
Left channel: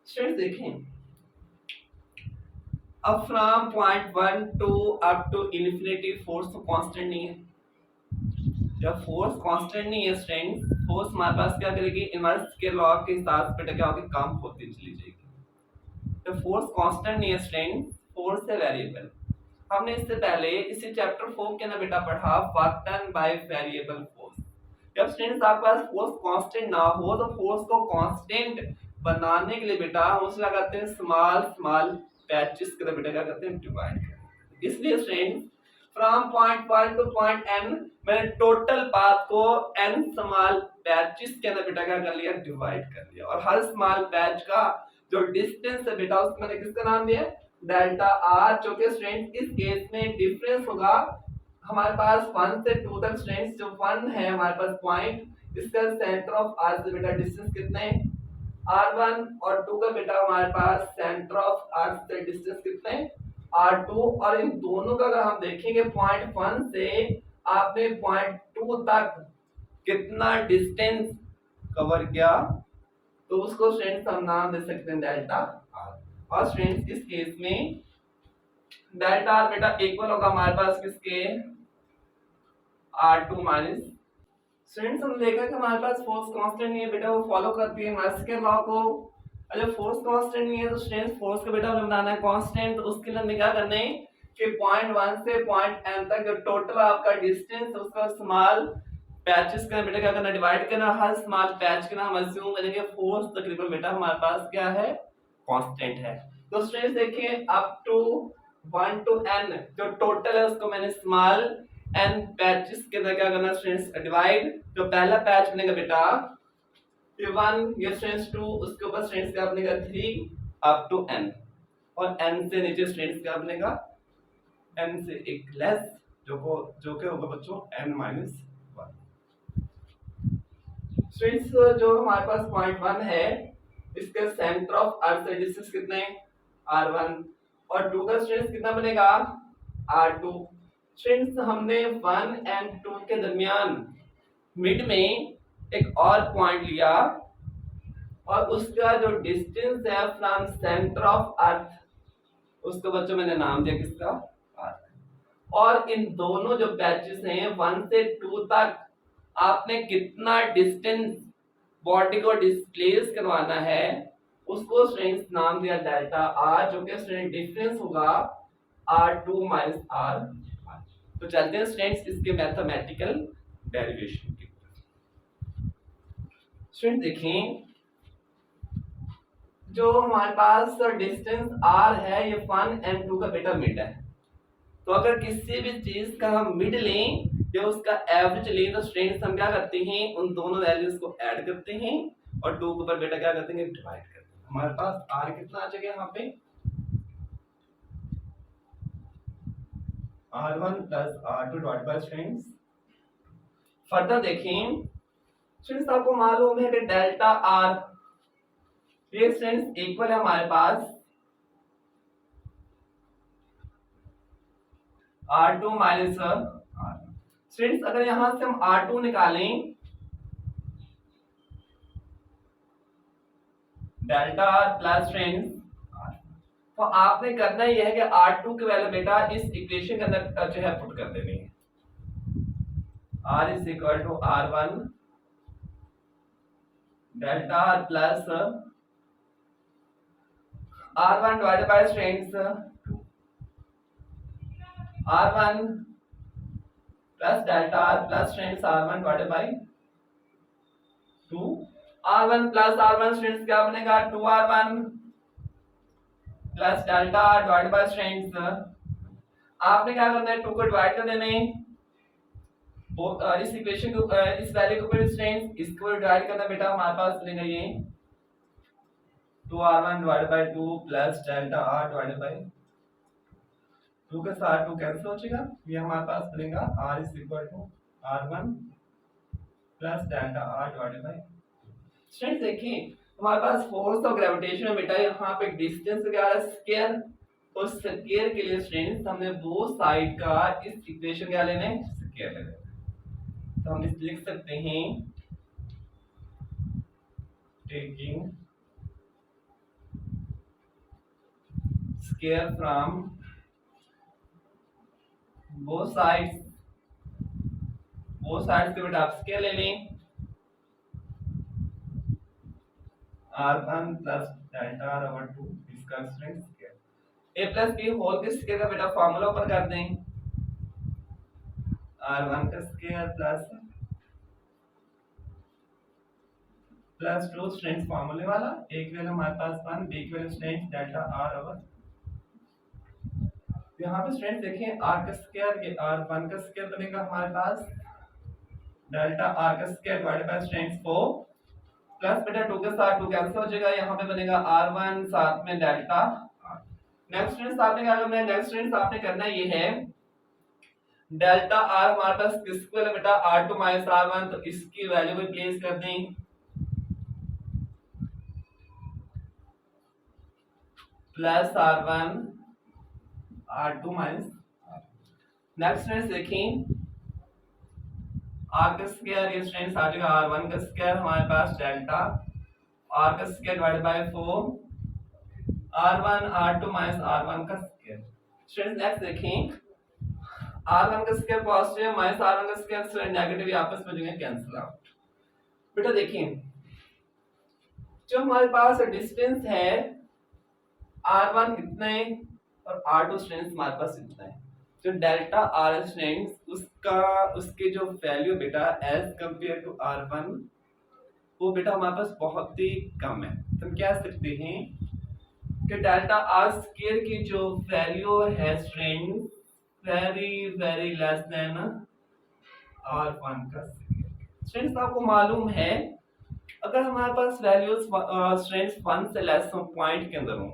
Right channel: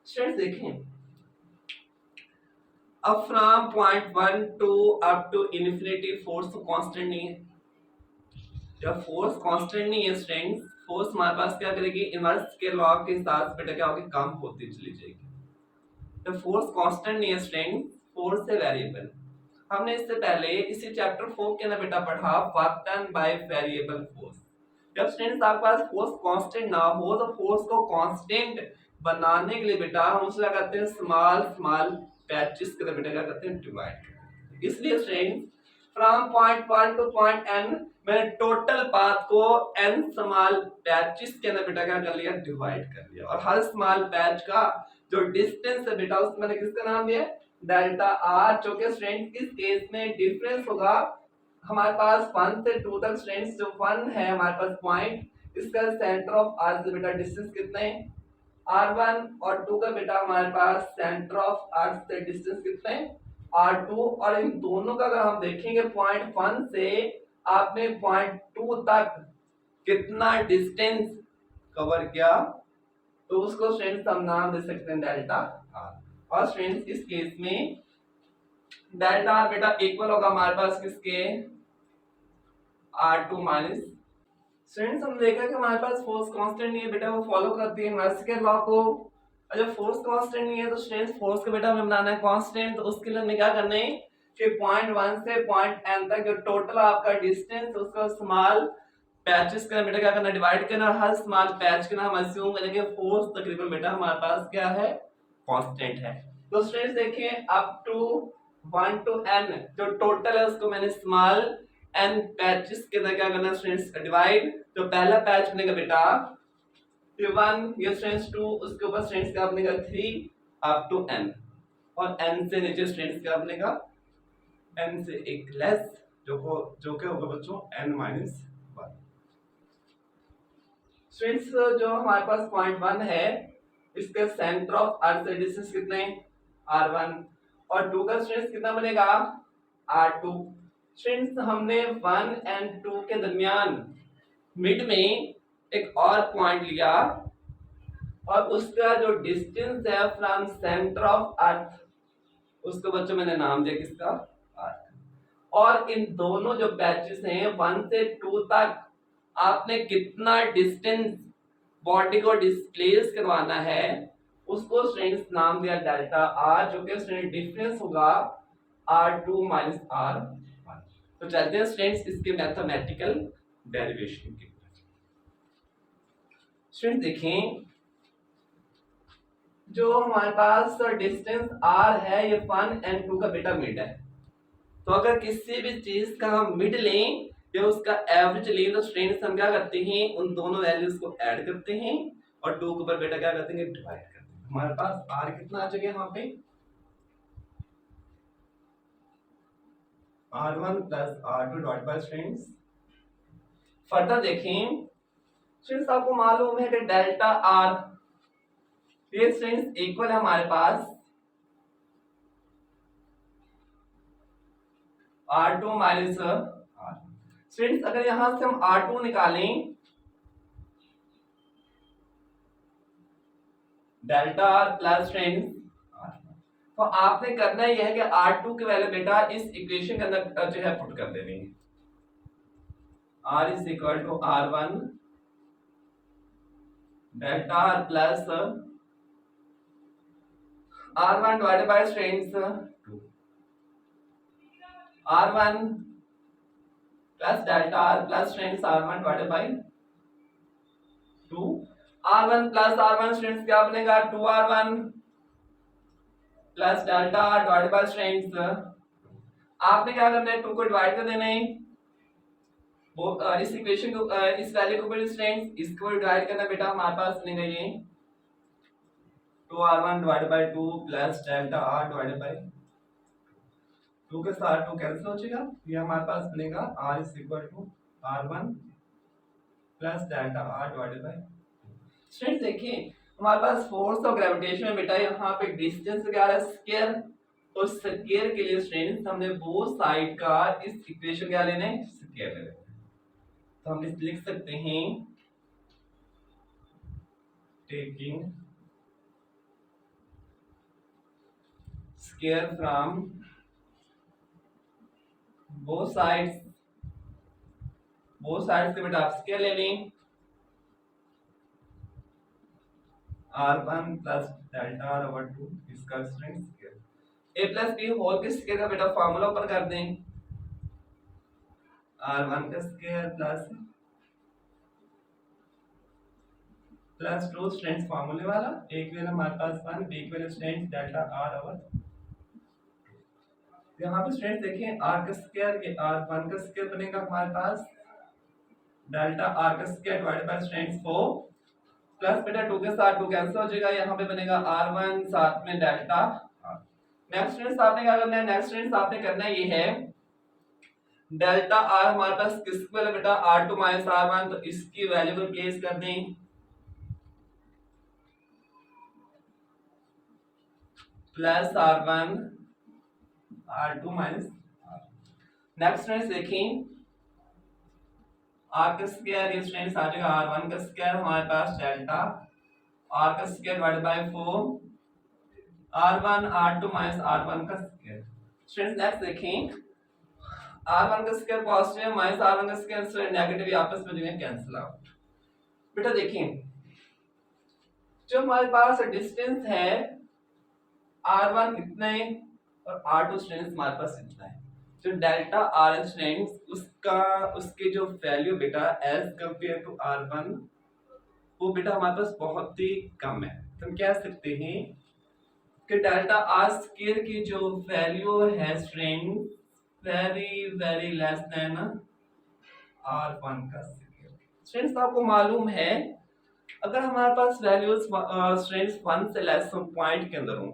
students देखें अब from point 1 to up to infinity force तो कांस्टेंट नहीं है जब फोर्स कांस्टेंट नहीं है स्टूडेंट्स फोर्स हमारे पास क्या करेगी इनवर्स के लॉ के हिसाब से बेटा क्या होगी कम होती चली जाएगी जब फोर्स कांस्टेंट नहीं है स्टूडेंट्स फोर्स है वेरिएबल हमने इससे पहले इसी चैप्टर 4 के अंदर बेटा पढ़ा work done by variable force जब स्टूडेंट्स आपके पास फोर्स कांस्टेंट ना हो तो फोर्स को कांस्टेंट बनाने के लिए बेटा हम उसे लगाते हैं स्मॉल स्मॉल पैचेस के बेटा क्या करते हैं डिवाइड करते हैं इसलिए students from point 1 to point n मैंने टोटल पाथ को n स्मॉल पैचेस के अंदर बेटा क्या कर लिया डिवाइड कर लिया और हर स्मॉल पैच का जो डिस्टेंस है बेटा उसको मैंने किसका नाम दिया डेल्टा r जो कि स्टूडेंट्स इस केस में डिफरेंस होगा हमारे पास 1 से 2 तक स्टूडेंट्स जो 1 है हमारे पास पॉइंट इसका सेंटर ऑफ r से बेटा डिस्टेंस कितना है r1 और 2 का बेटा हमारे पास सेंटर ऑफ r से डिस्टेंस कितना है r2 और इन दोनों का अगर हम देखेंगे पॉइंट 1 से आपने पॉइंट 2 तक कितना डिस्टेंस कवर किया तो उसको स्टूडेंट्स हम नाम दे सकते हैं डेल्टा r और स्टूडेंट्स इस केस में डेल्टा r बेटा इक्वल होगा हमारे पास किसके r2 माइनस स्टूडेंट्स हम देखा कि हमारे पास फोर्स कांस्टेंट नहीं है बेटा वो फॉलो करती है इनवर्स के लॉ को अगर फोर्स कांस्टेंट नहीं है तो स्टूडेंट्स फोर्स को बेटा हमें बनाना है कांस्टेंट तो उसके लिए हमें क्या करना है कि पॉइंट 1 से पॉइंट n तक जो टोटल आपका डिस्टेंस उसको स्मॉल पैचेस का बेटा क्या करना डिवाइड करना हर स्मॉल पैच के नाम अज्यूम करेंगे फोर्स तकरीबन बेटा हमारे पास क्या है कांस्टेंट है तो स्टूडेंट्स देखिए अप टू 1 टू n जो टोटल है उसको मैंने स्मॉल n पैचेस के अंदर क्या करना स्टूडेंट्स डिवाइड जो पहला पैच बनेगा बेटा 1 ये स्टूडेंट्स 2 उसके ऊपर स्टूडेंट्स क्या बनेगा 3 अप टू n और n से नीचे स्टूडेंट्स क्या बनेगा n से एक लेस जो के होगा बच्चों n माइनस 1 स्टूडेंट्स जो हमारे पास पॉइंट 1 है इसके सेंटर ऑफ अर्थ से डिस्टेंस कितने r1 और 2 का स्टूडेंट्स कितना बनेगा r2 स्टूडेंट्स हमने 1 एंड 2 के दरमियान मिड में एक और पॉइंट लिया और उसका जो डिस्टेंस है फ्रॉम सेंटर ऑफ अर्थ, उसको बच्चों मैंने नाम दिया किसका, अर्थ। और इन दोनों जो पैचेस हैं 1 से 2 तक आपने कितना डिस्टेंस बॉडी को डिस्प्लेस करवाना है, उसको स्ट्रेंथ नाम दिया डेल्टा आर, जो कि स्ट्रेंथ डिफरेंस होगा R2 माइनस R। तो चलते हैं स्ट्रेंथ इसके मैथमेटिकल डेरिवेशन की। स्टूडेंट देखें, जो हमारे पास डिस्टेंस r है ये 1 and 2 का बेटा मिड है। तो अगर किसी भी चीज का हम मिड लें या उसका एवरेज लें तो स्ट्रेंथ हम क्या करते हैं, उन दोनों वैल्यूज को ऐड करते हैं और 2 के ऊपर बेटा क्या करते हैं, डिवाइड करते हैं। हमारे पास r कितना आ जाएगा यहाँ पे, r1 plus r2 divide by strength. Further देखें स्ट्रेंथ, आपको मालूम है कि डेल्टा r ये स्ट्रेंथ इक्वल है हमारे पास R2 माइनस R। स्टूडेंट्स अगर यहां से हम R2 निकालें, डेल्टा R प्लस स्ट्रेंथ, तो आपने करना यह है कि R2 की वैल्यू बेटा इस इक्वेशन के अंदर जो है पुट कर देनी है। R is equal to R1 delta R plus R1 divided by strength R1 plus delta R plus strength R1 divided by 2। R1 plus R1 strength क्या बनेगा, 2R1 plus delta R divided by strength. आपने क्या करना है, 2 को डिवाइड कर देना है इस इक्वेशन को, इस वैल्यू को ऊपर स्ट्रेंथ, इसको डिवाइड करना बेटा हमारे पास बनेगा ये 2R1 divided by 2 plus delta R divided by 2 के साथ 2 कैंसिल हो जाएगा, ये हमारे पास बनेगा R is equal to R1 plus delta R divided by. Students देखिए हमारे पास फोर्स ऑफ ग्रेविटेशन बेटा यहाँ पे डिस्टेंस क्या है, स्क्वायर। उस स्क्वायर के लिए स्टूडेंट्स हमने बोथ साइड का इस इक्वेशन क्या लेना है, स्क्वायर लेना है। तो हम इस लिख सकते हैं taking square from both sides के बेटा आप स्क्वायर ले लें, R1 plus delta R over 2 इसका strength square. A plus B whole के स्क्वायर का बेटा फार्मूला ऊपर कर दें, R1 का स्क्वायर प्लस 2 स्ट्रेंथ फार्मूले वाला, एक वैल्यू हमारे पास 1, B की value strength delta R over. यहाँ पे स्ट्रेंथ देखें R का स्क्वायर, ये R1 का स्क्वायर बनेगा हमारे पास डेल्टा R का square divided by strength 4 plus बेटा 2 के साथ 2 कैंसिल हो जाएगा, यहाँ पे बनेगा R1 साथ में डेल्टा R। नेक्स्ट स्ट्रेंथ आपने क्या करना है, नेक्स्ट स्ट्रेंथ आपने करना ये है डेल्टा R हमारे पास किसको है बेटा, R2 माइनस R1, तो इसकी वैल्यू को प्लेस कर दें plus R1 R2 minus R। Next strength देखें R का स्क्वायर, ये स्ट्रेंथ आ जाएगा R1 का स्क्वायर हमारे पास डेल्टा R का square divided by 4 R1 R2 minus R1 का स्क्वायर। स्ट्रेंथ नेक्स्ट देखें R1 का स्क्वायर पॉजिटिव माइनस R1 का स्क्वायर नेगेटिव, आपस में जो है कैंसिल आउट। बेटा देखें जो हमारे पास डिस्टेंस है R1 इतना है और R2 स्ट्रेंथ हमारे पास इतना है, जो डेल्टा R स्ट्रेंथ उसके जो वैल्यू बेटा एज कंपेयर टू R1 वो बेटा हमारे पास बहुत ही कम है। तो हम कह सकते हैं कि डेल्टा R स्क्वायर की जो वैल्यू है strength very very less than R1 का स्क्वायर। स्ट्रेंथ आपको मालूम है अगर हमारे पास वैल्यूज स्ट्रेंथ 1 से लेस हो पॉइंट के अंदर हो,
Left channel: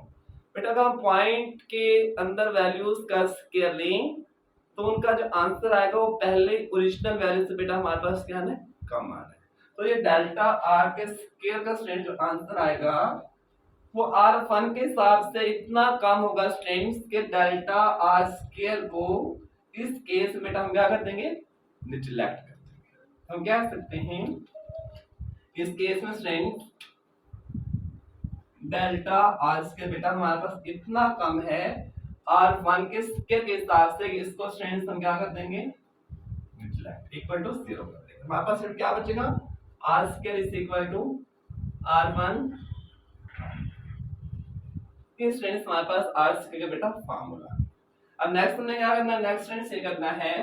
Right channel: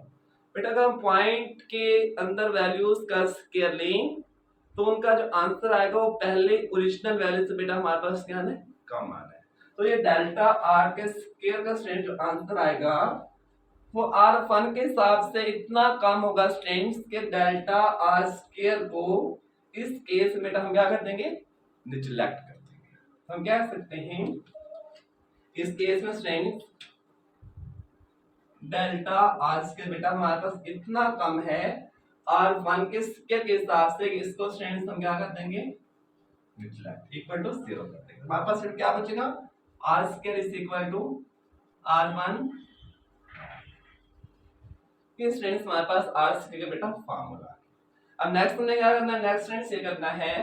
बेटा अगर हम पॉइंट के अंदर वैल्यूज का स्क्वायर लें तो उनका जो आंसर आएगा वो पहले ओरिजिनल वैल्यू से बेटा हमारे पास क्या है, कम आना है। तो ये डेल्टा R के स्क्वायर का स्ट्रेंथ जो आंसर आएगा वो R1 के हिसाब से इतना कम होगा स्ट्रेंथ के डेल्टा R स्क्वायर को इस केस में बेटा हम क्या कर देंगे, निग्लेक्ट कर देंगे। हम कह सकते हैं इस केस में स्ट्रेंथ डेल्टा आर स्क्वायर बेटा हमारे पास इतना कम है R1 के स्क्वायर के हिसाब से, इसको स्टूडेंट्स हम क्या कर देंगे, इक्वल टू 0 कर देंगे। हमारे पास फिर क्या बचेगा, R square is equal to R1। ये स्टूडेंट्स हमारे पास आर स्क्वायर का बेटा फार्मूला। अब नेक्स्ट हमने क्या करना है, नेक्स्ट स्टूडेंट्स ये करना है,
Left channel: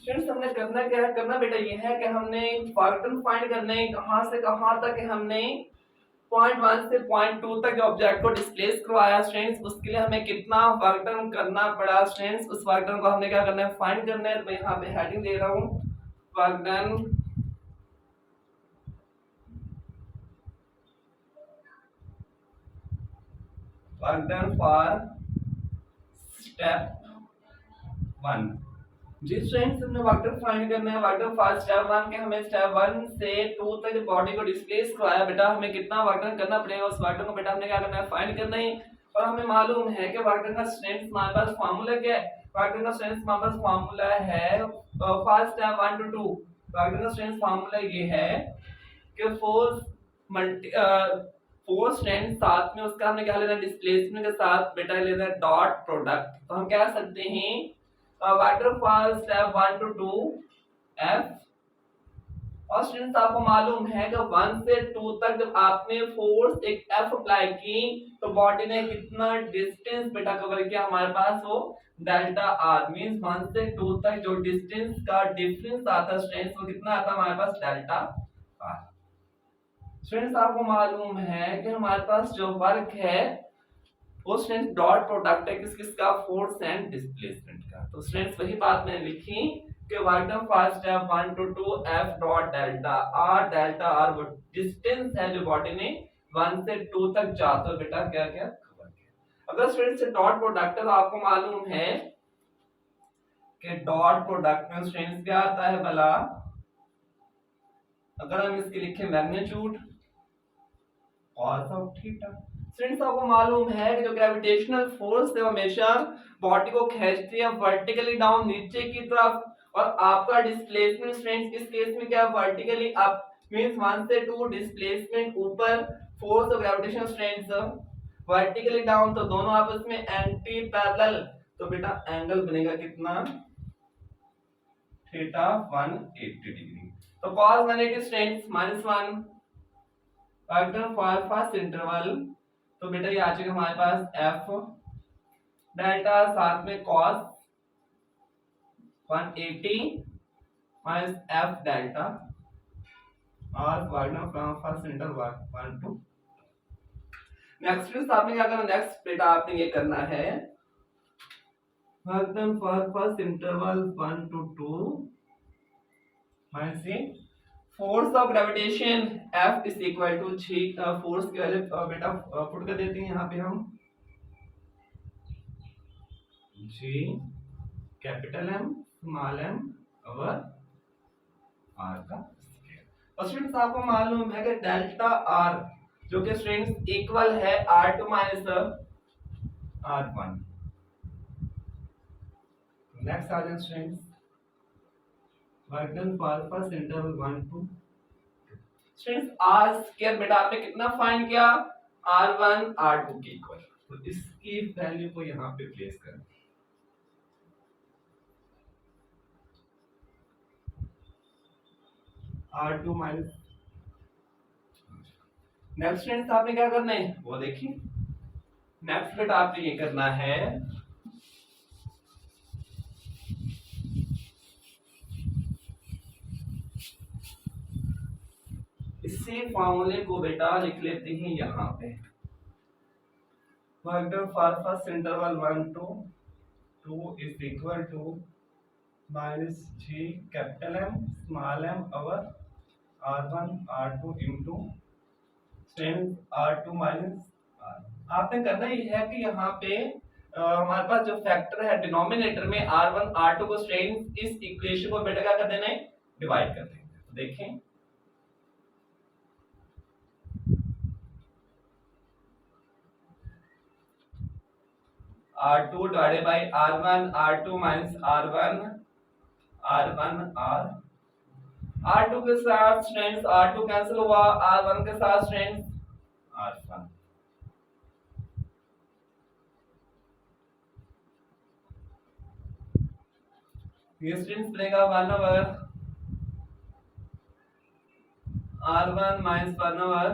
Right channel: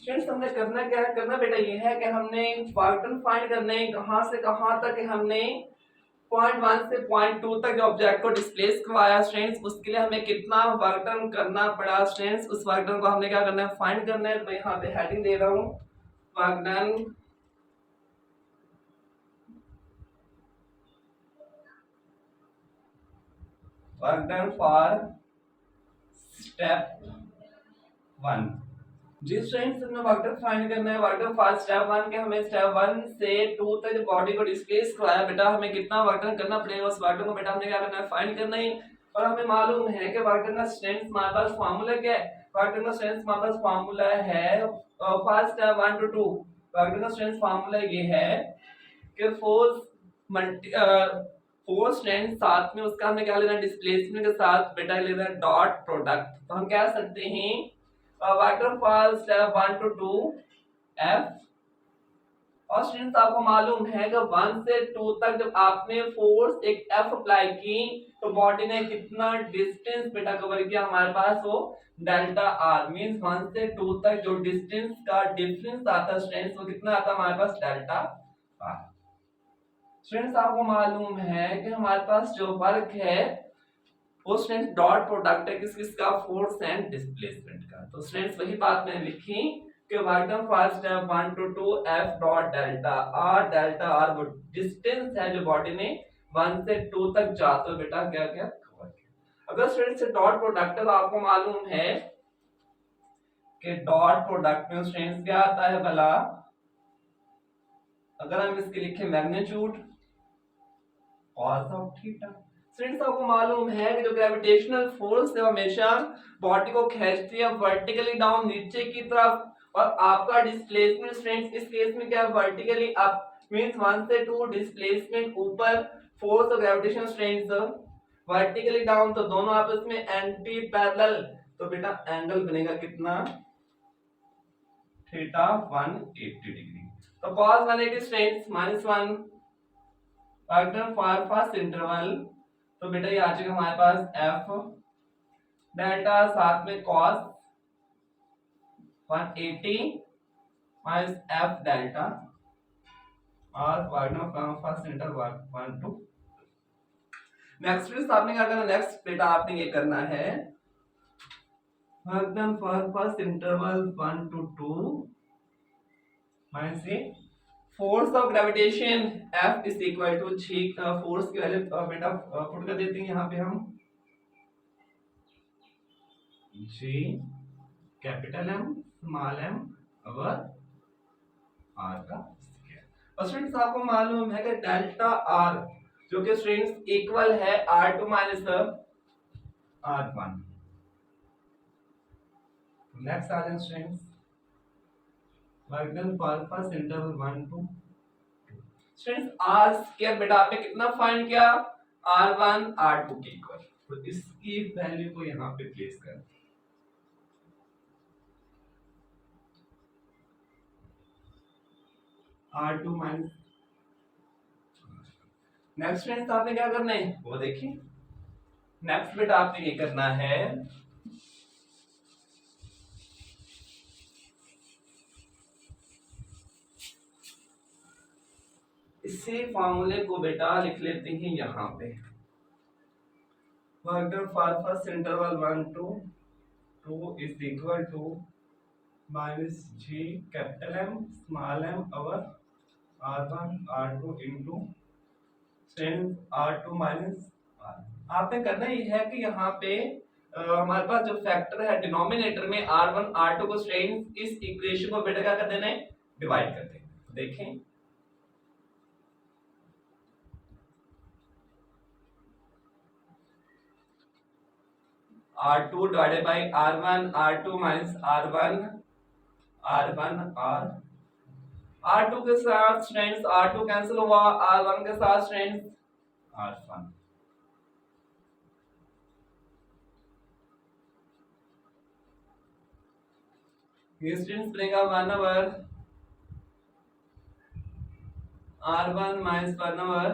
स्टूडेंट्स हमने करना क्या है, करना बेटा ये है कि हमने फैक्टर फाइंड करने, कहां से कहां तक हमने पॉइंट 1 से पॉइंट 2 तक जो ऑब्जेक्ट को डिस्प्लेस करवाया स्टूडेंट्स, उसके लिए हमें कितना वर्क डन करना पड़ा स्टूडेंट्स, उस वर्क डन को हमने क्या करना है, फाइंड करना है। तो मैं यहाँ पे हेडिंग दे रहा हूँ, वर्क डन फॉर स्टेप 1। जी स्टूडेंट्स हमने वेक्टर फाइंड करना है, वेक्टर फॉर स्टेप 1 के हमें स्टेप 1 से 2 तक जो बॉडी को डिस्प्लेस करवाया बेटा, हमें कितना वेक्टर करना पड़ेगा, उस वेक्टर को बेटा हमने क्या करना है, फाइंड करना है। और हमें मालूम है कि वेक्टर का स्ट्रेंथ हमारे पास फार्मूला क्या है, वेक्टर का स्ट्रेंथ हमारे पास फार्मूला है फॉर स्टेप 1 to 2, वेक्टर का स्ट्रेंथ फार्मूला ये है कि फोर्स मल्टी फोर्स स्ट्रेंथ साथ में उसका हमने क्या लेना है, डिस्प्लेसमेंट के साथ बेटा लेना है डॉट प्रोडक्ट। तो हम कह सकते हैं vector for step 1 to 2 f। और स्टूडेंट्स आपको मालूम है कि 1 से 2 तक जब आपने फोर्स एक f अप्लाई की तो बॉडी ने कितना डिस्टेंस बेटा कवर किया, हमारे पास वो डेल्टा r मींस 1 से 2 तक जो डिस्टेंस का डिफरेंस आता है स्टूडेंट्स, वो कितना आता है हमारे पास, डेल्टा r। स्टूडेंट्स आपको मालूम है कि हमारे पास जो वर्क है वो स्टूडेंट्स डॉट प्रोडक्ट है किस किसका, फोर्स एंड डिस्प्लेसमेंट का। तो स्टूडेंट्स वही बात मैंने लिखी कि work done for step 1 to 2 f dot delta r वो डिस्टेंस है जो बॉडी ने 1 से 2 तक जाते हुए बेटा क्या क्या कवर किया। अगर स्टूडेंट्स से डॉट प्रोडक्ट है तो आपको मालूम है कि डॉट प्रोडक्ट में स्टूडेंट्स क्या आता है भला, अगर हम इसके लिखे magnitude cos of theta. Students आपको मालूम है कि जो ग्रेविटेशनल फोर्स है हमेशा बॉडी को खींचती है वर्टिकली डाउन नीचे की तरफ, और आपका डिस्प्लेसमेंट स्टूडेंट्स इस केस में क्या, वर्टिकली अप मींस 1 से 2 डिस्प्लेसमेंट ऊपर, फोर्स और ग्रेविटेशन स्ट्रेंथ वर्टिकली डाउन, तो दोनों आपस में एंटी पैरेलल, तो बेटा एंगल बनेगा कितना, थीटा 180 डिग्री। तो cos 180 strength -1 factor for first interval, तो बेटा ये आ जाएगा हमारे पास f डेल्टा साथ में cos 180 माइनस f डेल्टा और factor from first interval 1 to। Next फिर आपने क्या करना, नेक्स्ट बेटा आपने ये करना है factor for first interval 1 to 2 minus ये force of gravitation F is equal to G, force की वैल्यू बेटा पुट कर देते हैं यहाँ पे हम G capital M small m और R का स्क्वायर। और स्टूडेंट्स आपको मालूम है कि डेल्टा R जो कि स्टूडेंट्स इक्वल है R2 माइनस R1। नेक्स्ट आ जाए students work done for first interval 1 to 2। Students r square बेटा आपने कितना फाइंड किया, r1 r2 के इक्वल, तो इसकी वैल्यू को यहां पे प्लेस कर, r2 माइनस। नेक्स्ट फ्रेंड्स आपने क्या करना है वो देखिए, नेक्स्ट बेटा आपने ये करना है इसी फॉर्मूले को बेटा लिख लेते हैं यहाँ पे, work done for first interval 1 to 2 is equal to minus G capital M small m over r1 r2 into r2 minus r। आपने करना ही है कि यहाँ पे हमारे पास जो फैक्टर है डिनोमिनेटर में r1 r2 को स्ट्रेंथ, इस इक्वेशन को बेटा क्या कर देना है, डिवाइड कर देंगे। देखें r2 divided by r1 r2 minus r1 r1 r R2 के साथ स्टूडेंट्स R2 कैंसिल हुआ, R1 के साथ स्टूडेंट्स R1। ये स्टूडेंट्स बनेगा 1 ओवर R1 माइनस 1 ओवर।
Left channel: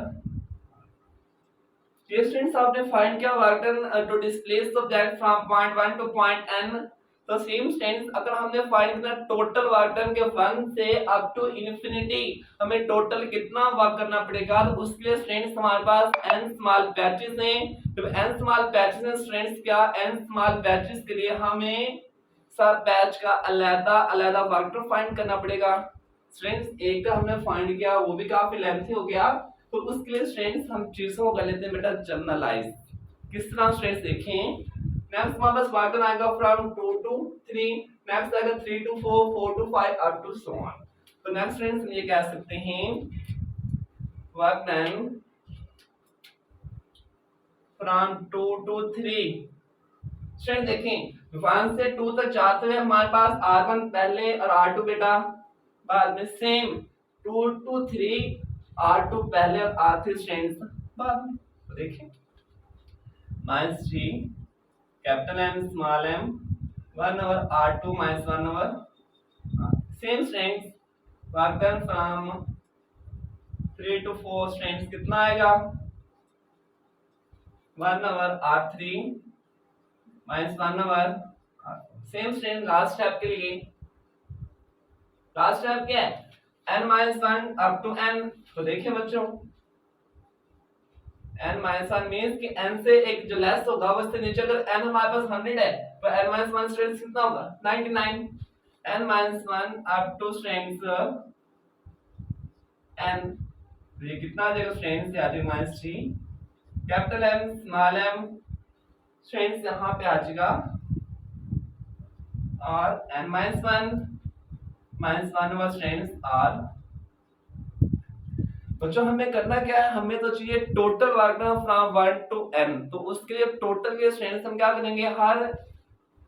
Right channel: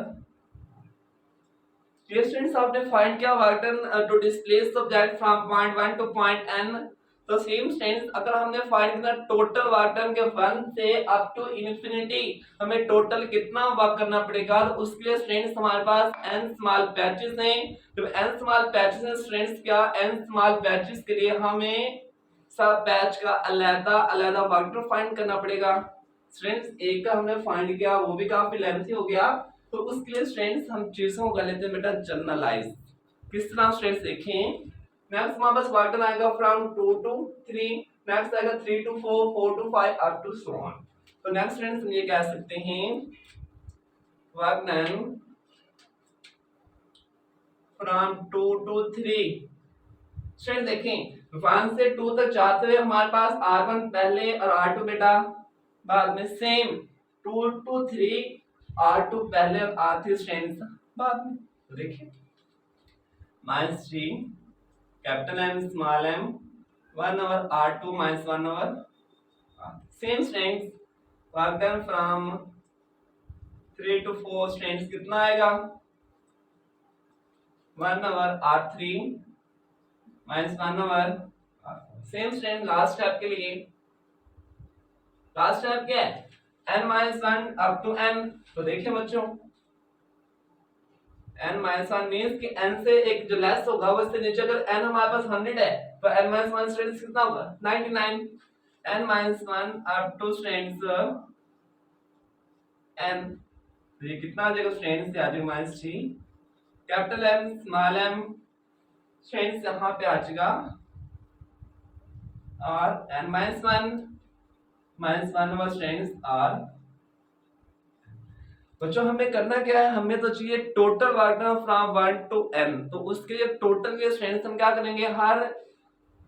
ये स्टूडेंट्स आपने फाइंड किया work done to displace subject from point 1 to point n। तो सेम स्टूडेंट्स अगर हमने फाइंड करना टोटल वर्क डन के 1 से अप टू इंफिनिटी, हमें टोटल कितना वर्क करना पड़ेगा, तो उसके लिए स्टूडेंट्स हमारे पास n स्मॉल पैचेस हैं। तो n स्मॉल पैचेस हैं स्टूडेंट्स, क्या n स्मॉल पैचेस के लिए हमें सब पैच का अलग अलग वर्क डन फाइंड करना पड़ेगा। स्टूडेंट्स एक का हमने फाइंड किया, वो भी काफी लेंथी हो गया, तो उसके लिए स्टूडेंट्स हम चीजों को कर लेते हैं बेटा जनरलाइज। किस तरह स्टूडेंट्स देखें, नेक्स्ट हमारे पास वर्क डन आएगा फ्रॉम 2 टू 3, नेक्स्ट आएगा 3 to 4, 4 to 5 up to so on. तो नेक्स्ट स्टूडेंट्स हम ये कह सकते हैं work done from 2 to 3। Student देखें 1 से 2 तक जाते हुए हमारे पास R1 पहले और R2 बेटा बाद में, सेम 2 टू 3 R2 पहले और R3 स्टूडेंट्स बाद में। तो देखिए -3 capital M small m 1 over R2 minus 1 over same students work done from 3 to 4 students कितना आएगा 1 over R3 minus 1 over R4। Same student last step के लिए, लास्ट स्टेप क्या है n minus 1 up to n। तो देखिए बच्चों n माइनस 1 मींस कि n से एक जो लेस होगा वो इससे नीचे, अगर n हमारे पास 100 है तो n माइनस 1 स्टूडेंट्स कितना होगा 99। n minus 1 up to students n, तो ये कितना आ जाएगा स्टूडेंट्स, आ जाएगा -3 capital M small m students यहाँ पे आ जाएगा और n minus 1 over students r। बच्चों हमें करना क्या है, हमें तो चाहिए total work done from 1 to n। तो उसके लिए टोटल के स्टूडेंट्स हम क्या करेंगे, हर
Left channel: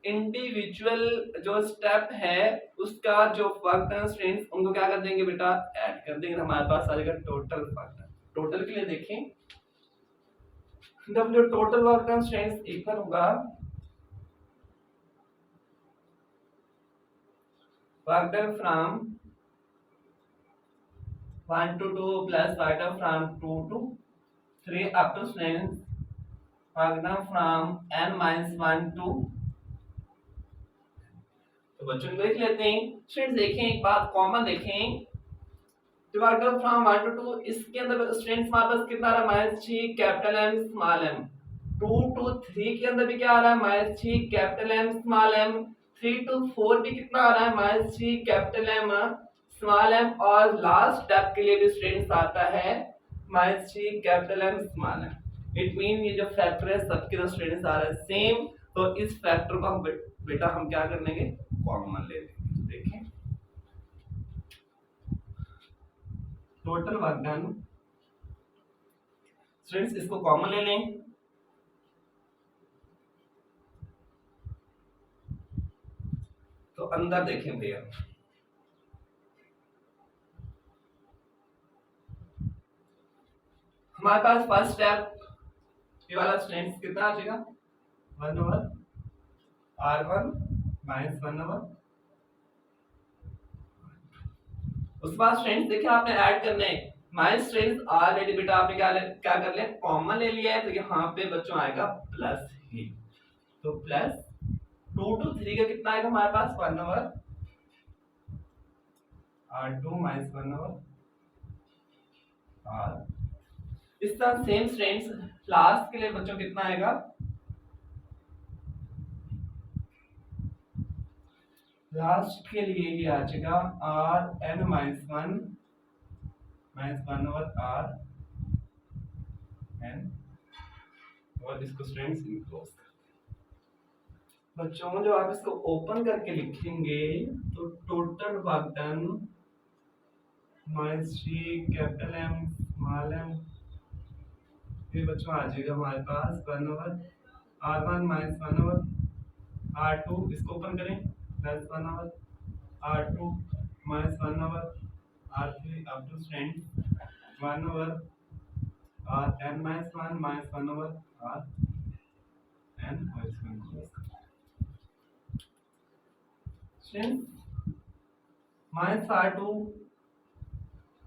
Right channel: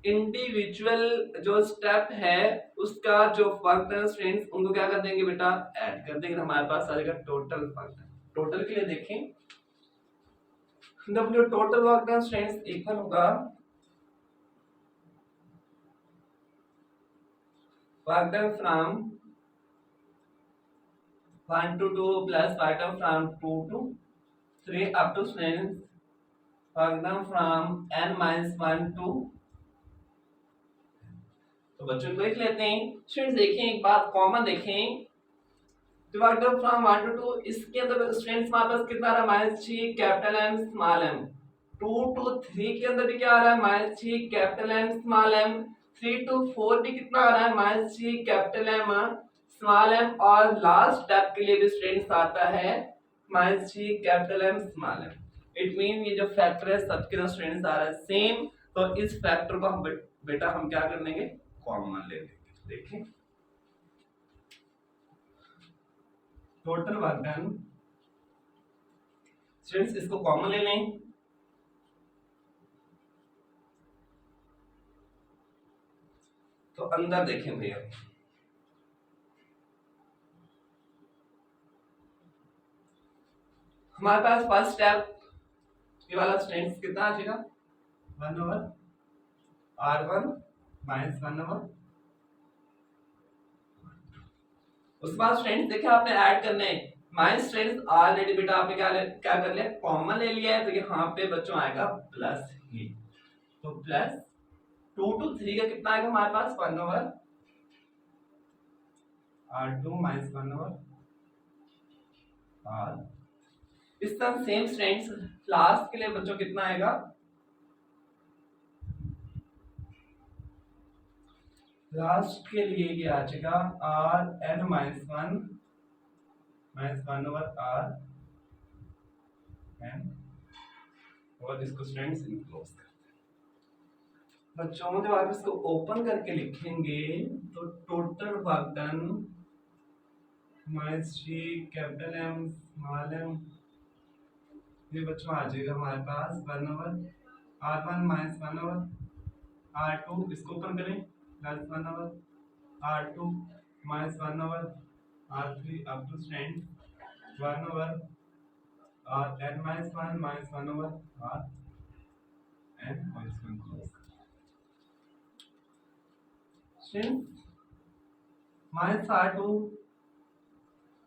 इंडिविजुअल जो स्टेप है उसका जो वर्क डन स्टूडेंट्स उनको क्या कर देंगे बेटा ऐड कर देंगे, हमारे पास आ जाएगा टोटल वर्क डन। टोटल के लिए देखें W total work done students equal होगा work done from 1 to 2 plus work done from 2 to 3 up to students work done from n minus 1 to। तो बच्चों को देख लेते हैं स्टूडेंट्स, देखें एक बात कॉमन देखें, तो वर्क डन फ्रॉम 1 to 2 इसके अंदर स्टूडेंट्स हमारे पास कितना आ रहा है -3 capital M small m। 2 to 3 के अंदर भी क्या आ रहा है -3 capital M small m। 3 to 4 भी कितना आ रहा है -3 कैपिटल M स्मॉल m। और लास्ट स्टेप के लिए भी स्टूडेंट्स आता है -3 capital M small m। It mean ये जो फैक्टर है सबके ना स्टूडेंट्स आ रहा है सेम, तो इस फैक्टर को हम बेटा हम क्या कर लेंगे कॉमन ले लेंगे। तो देखें टोटल वर्क डन स्टूडेंट्स इसको कॉमन ले लें, तो अंदर देखें भैया हमारे पास फर्स्ट स्टेप ये वाला स्टूडेंट्स कितना आ जाएगा 1 ओवर R1 माइनस 1 ओवर। उसके बाद स्टूडेंट्स देखिए आपने ऐड करने माइनस स्टूडेंट्स ऑलरेडी बेटा आपने क्या कर लिया कॉमन ले लिया है, तो यहाँ पे बच्चों आएगा प्लस ही, तो प्लस 2 to 3 का कितना आएगा हमारे पास 1 over R2 minus 1 over R। इस तरह सेम स्टूडेंट्स लास्ट के लिए बच्चों कितना आएगा लास्ट के लिए ये आ जाएगा R n minus 1 over R n, और इसको स्टूडेंट्स इनक्लोज करते हैं। बच्चों जब आप इसको ओपन करके लिखेंगे तो total work done -3 capital M small m, ये बच्चों आ जाएगा हमारे पास 1 over R1 minus 1 over R2, इसको ओपन करें plus 1 over R2 minus 1 over R3 up to strength 1 over R n minus 1 over R n whole square strength minus R2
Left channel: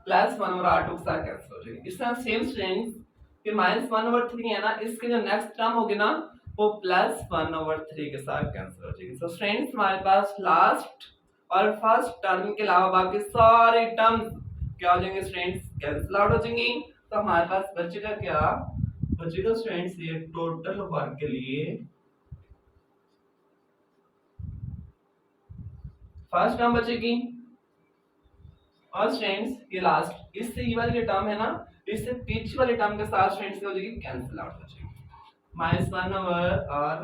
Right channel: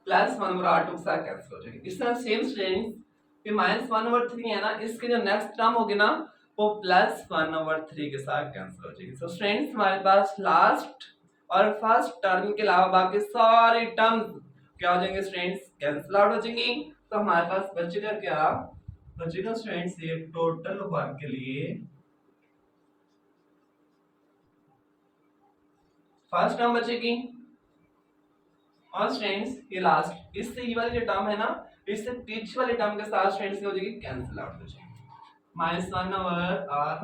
plus 1 over R2 के साथ कैंसिल हो जाएगी। इस तरह सेम स्ट्रेंथ कि माइनस 1 ओवर 3 है ना, इसके जो नेक्स्ट टर्म होगी ना वो प्लस 1 ओवर 3 के साथ कैंसिल हो जाएगी। सो फ्रेंड्स हमारे पास लास्ट और फर्स्ट टर्म के अलावा बाकी सारे टर्म्स क्या हो जाएंगे फ्रेंड्स, कैंसिल आउट हो जाएंगी। तो हमारे पास बचेगा क्या, बचेगा फ्रेंड्स ये टोटल वर्क के लिए फर्स्ट टर्म बचेगी और स्टूडेंट्स ये लास्ट इससे ये वाली जो टर्म है ना, इससे पीछे वाले टर्म के साथ स्टूडेंट्स हो जाएगी कैंसिल आउट हो जाएगी। माइनस 1 ओवर आर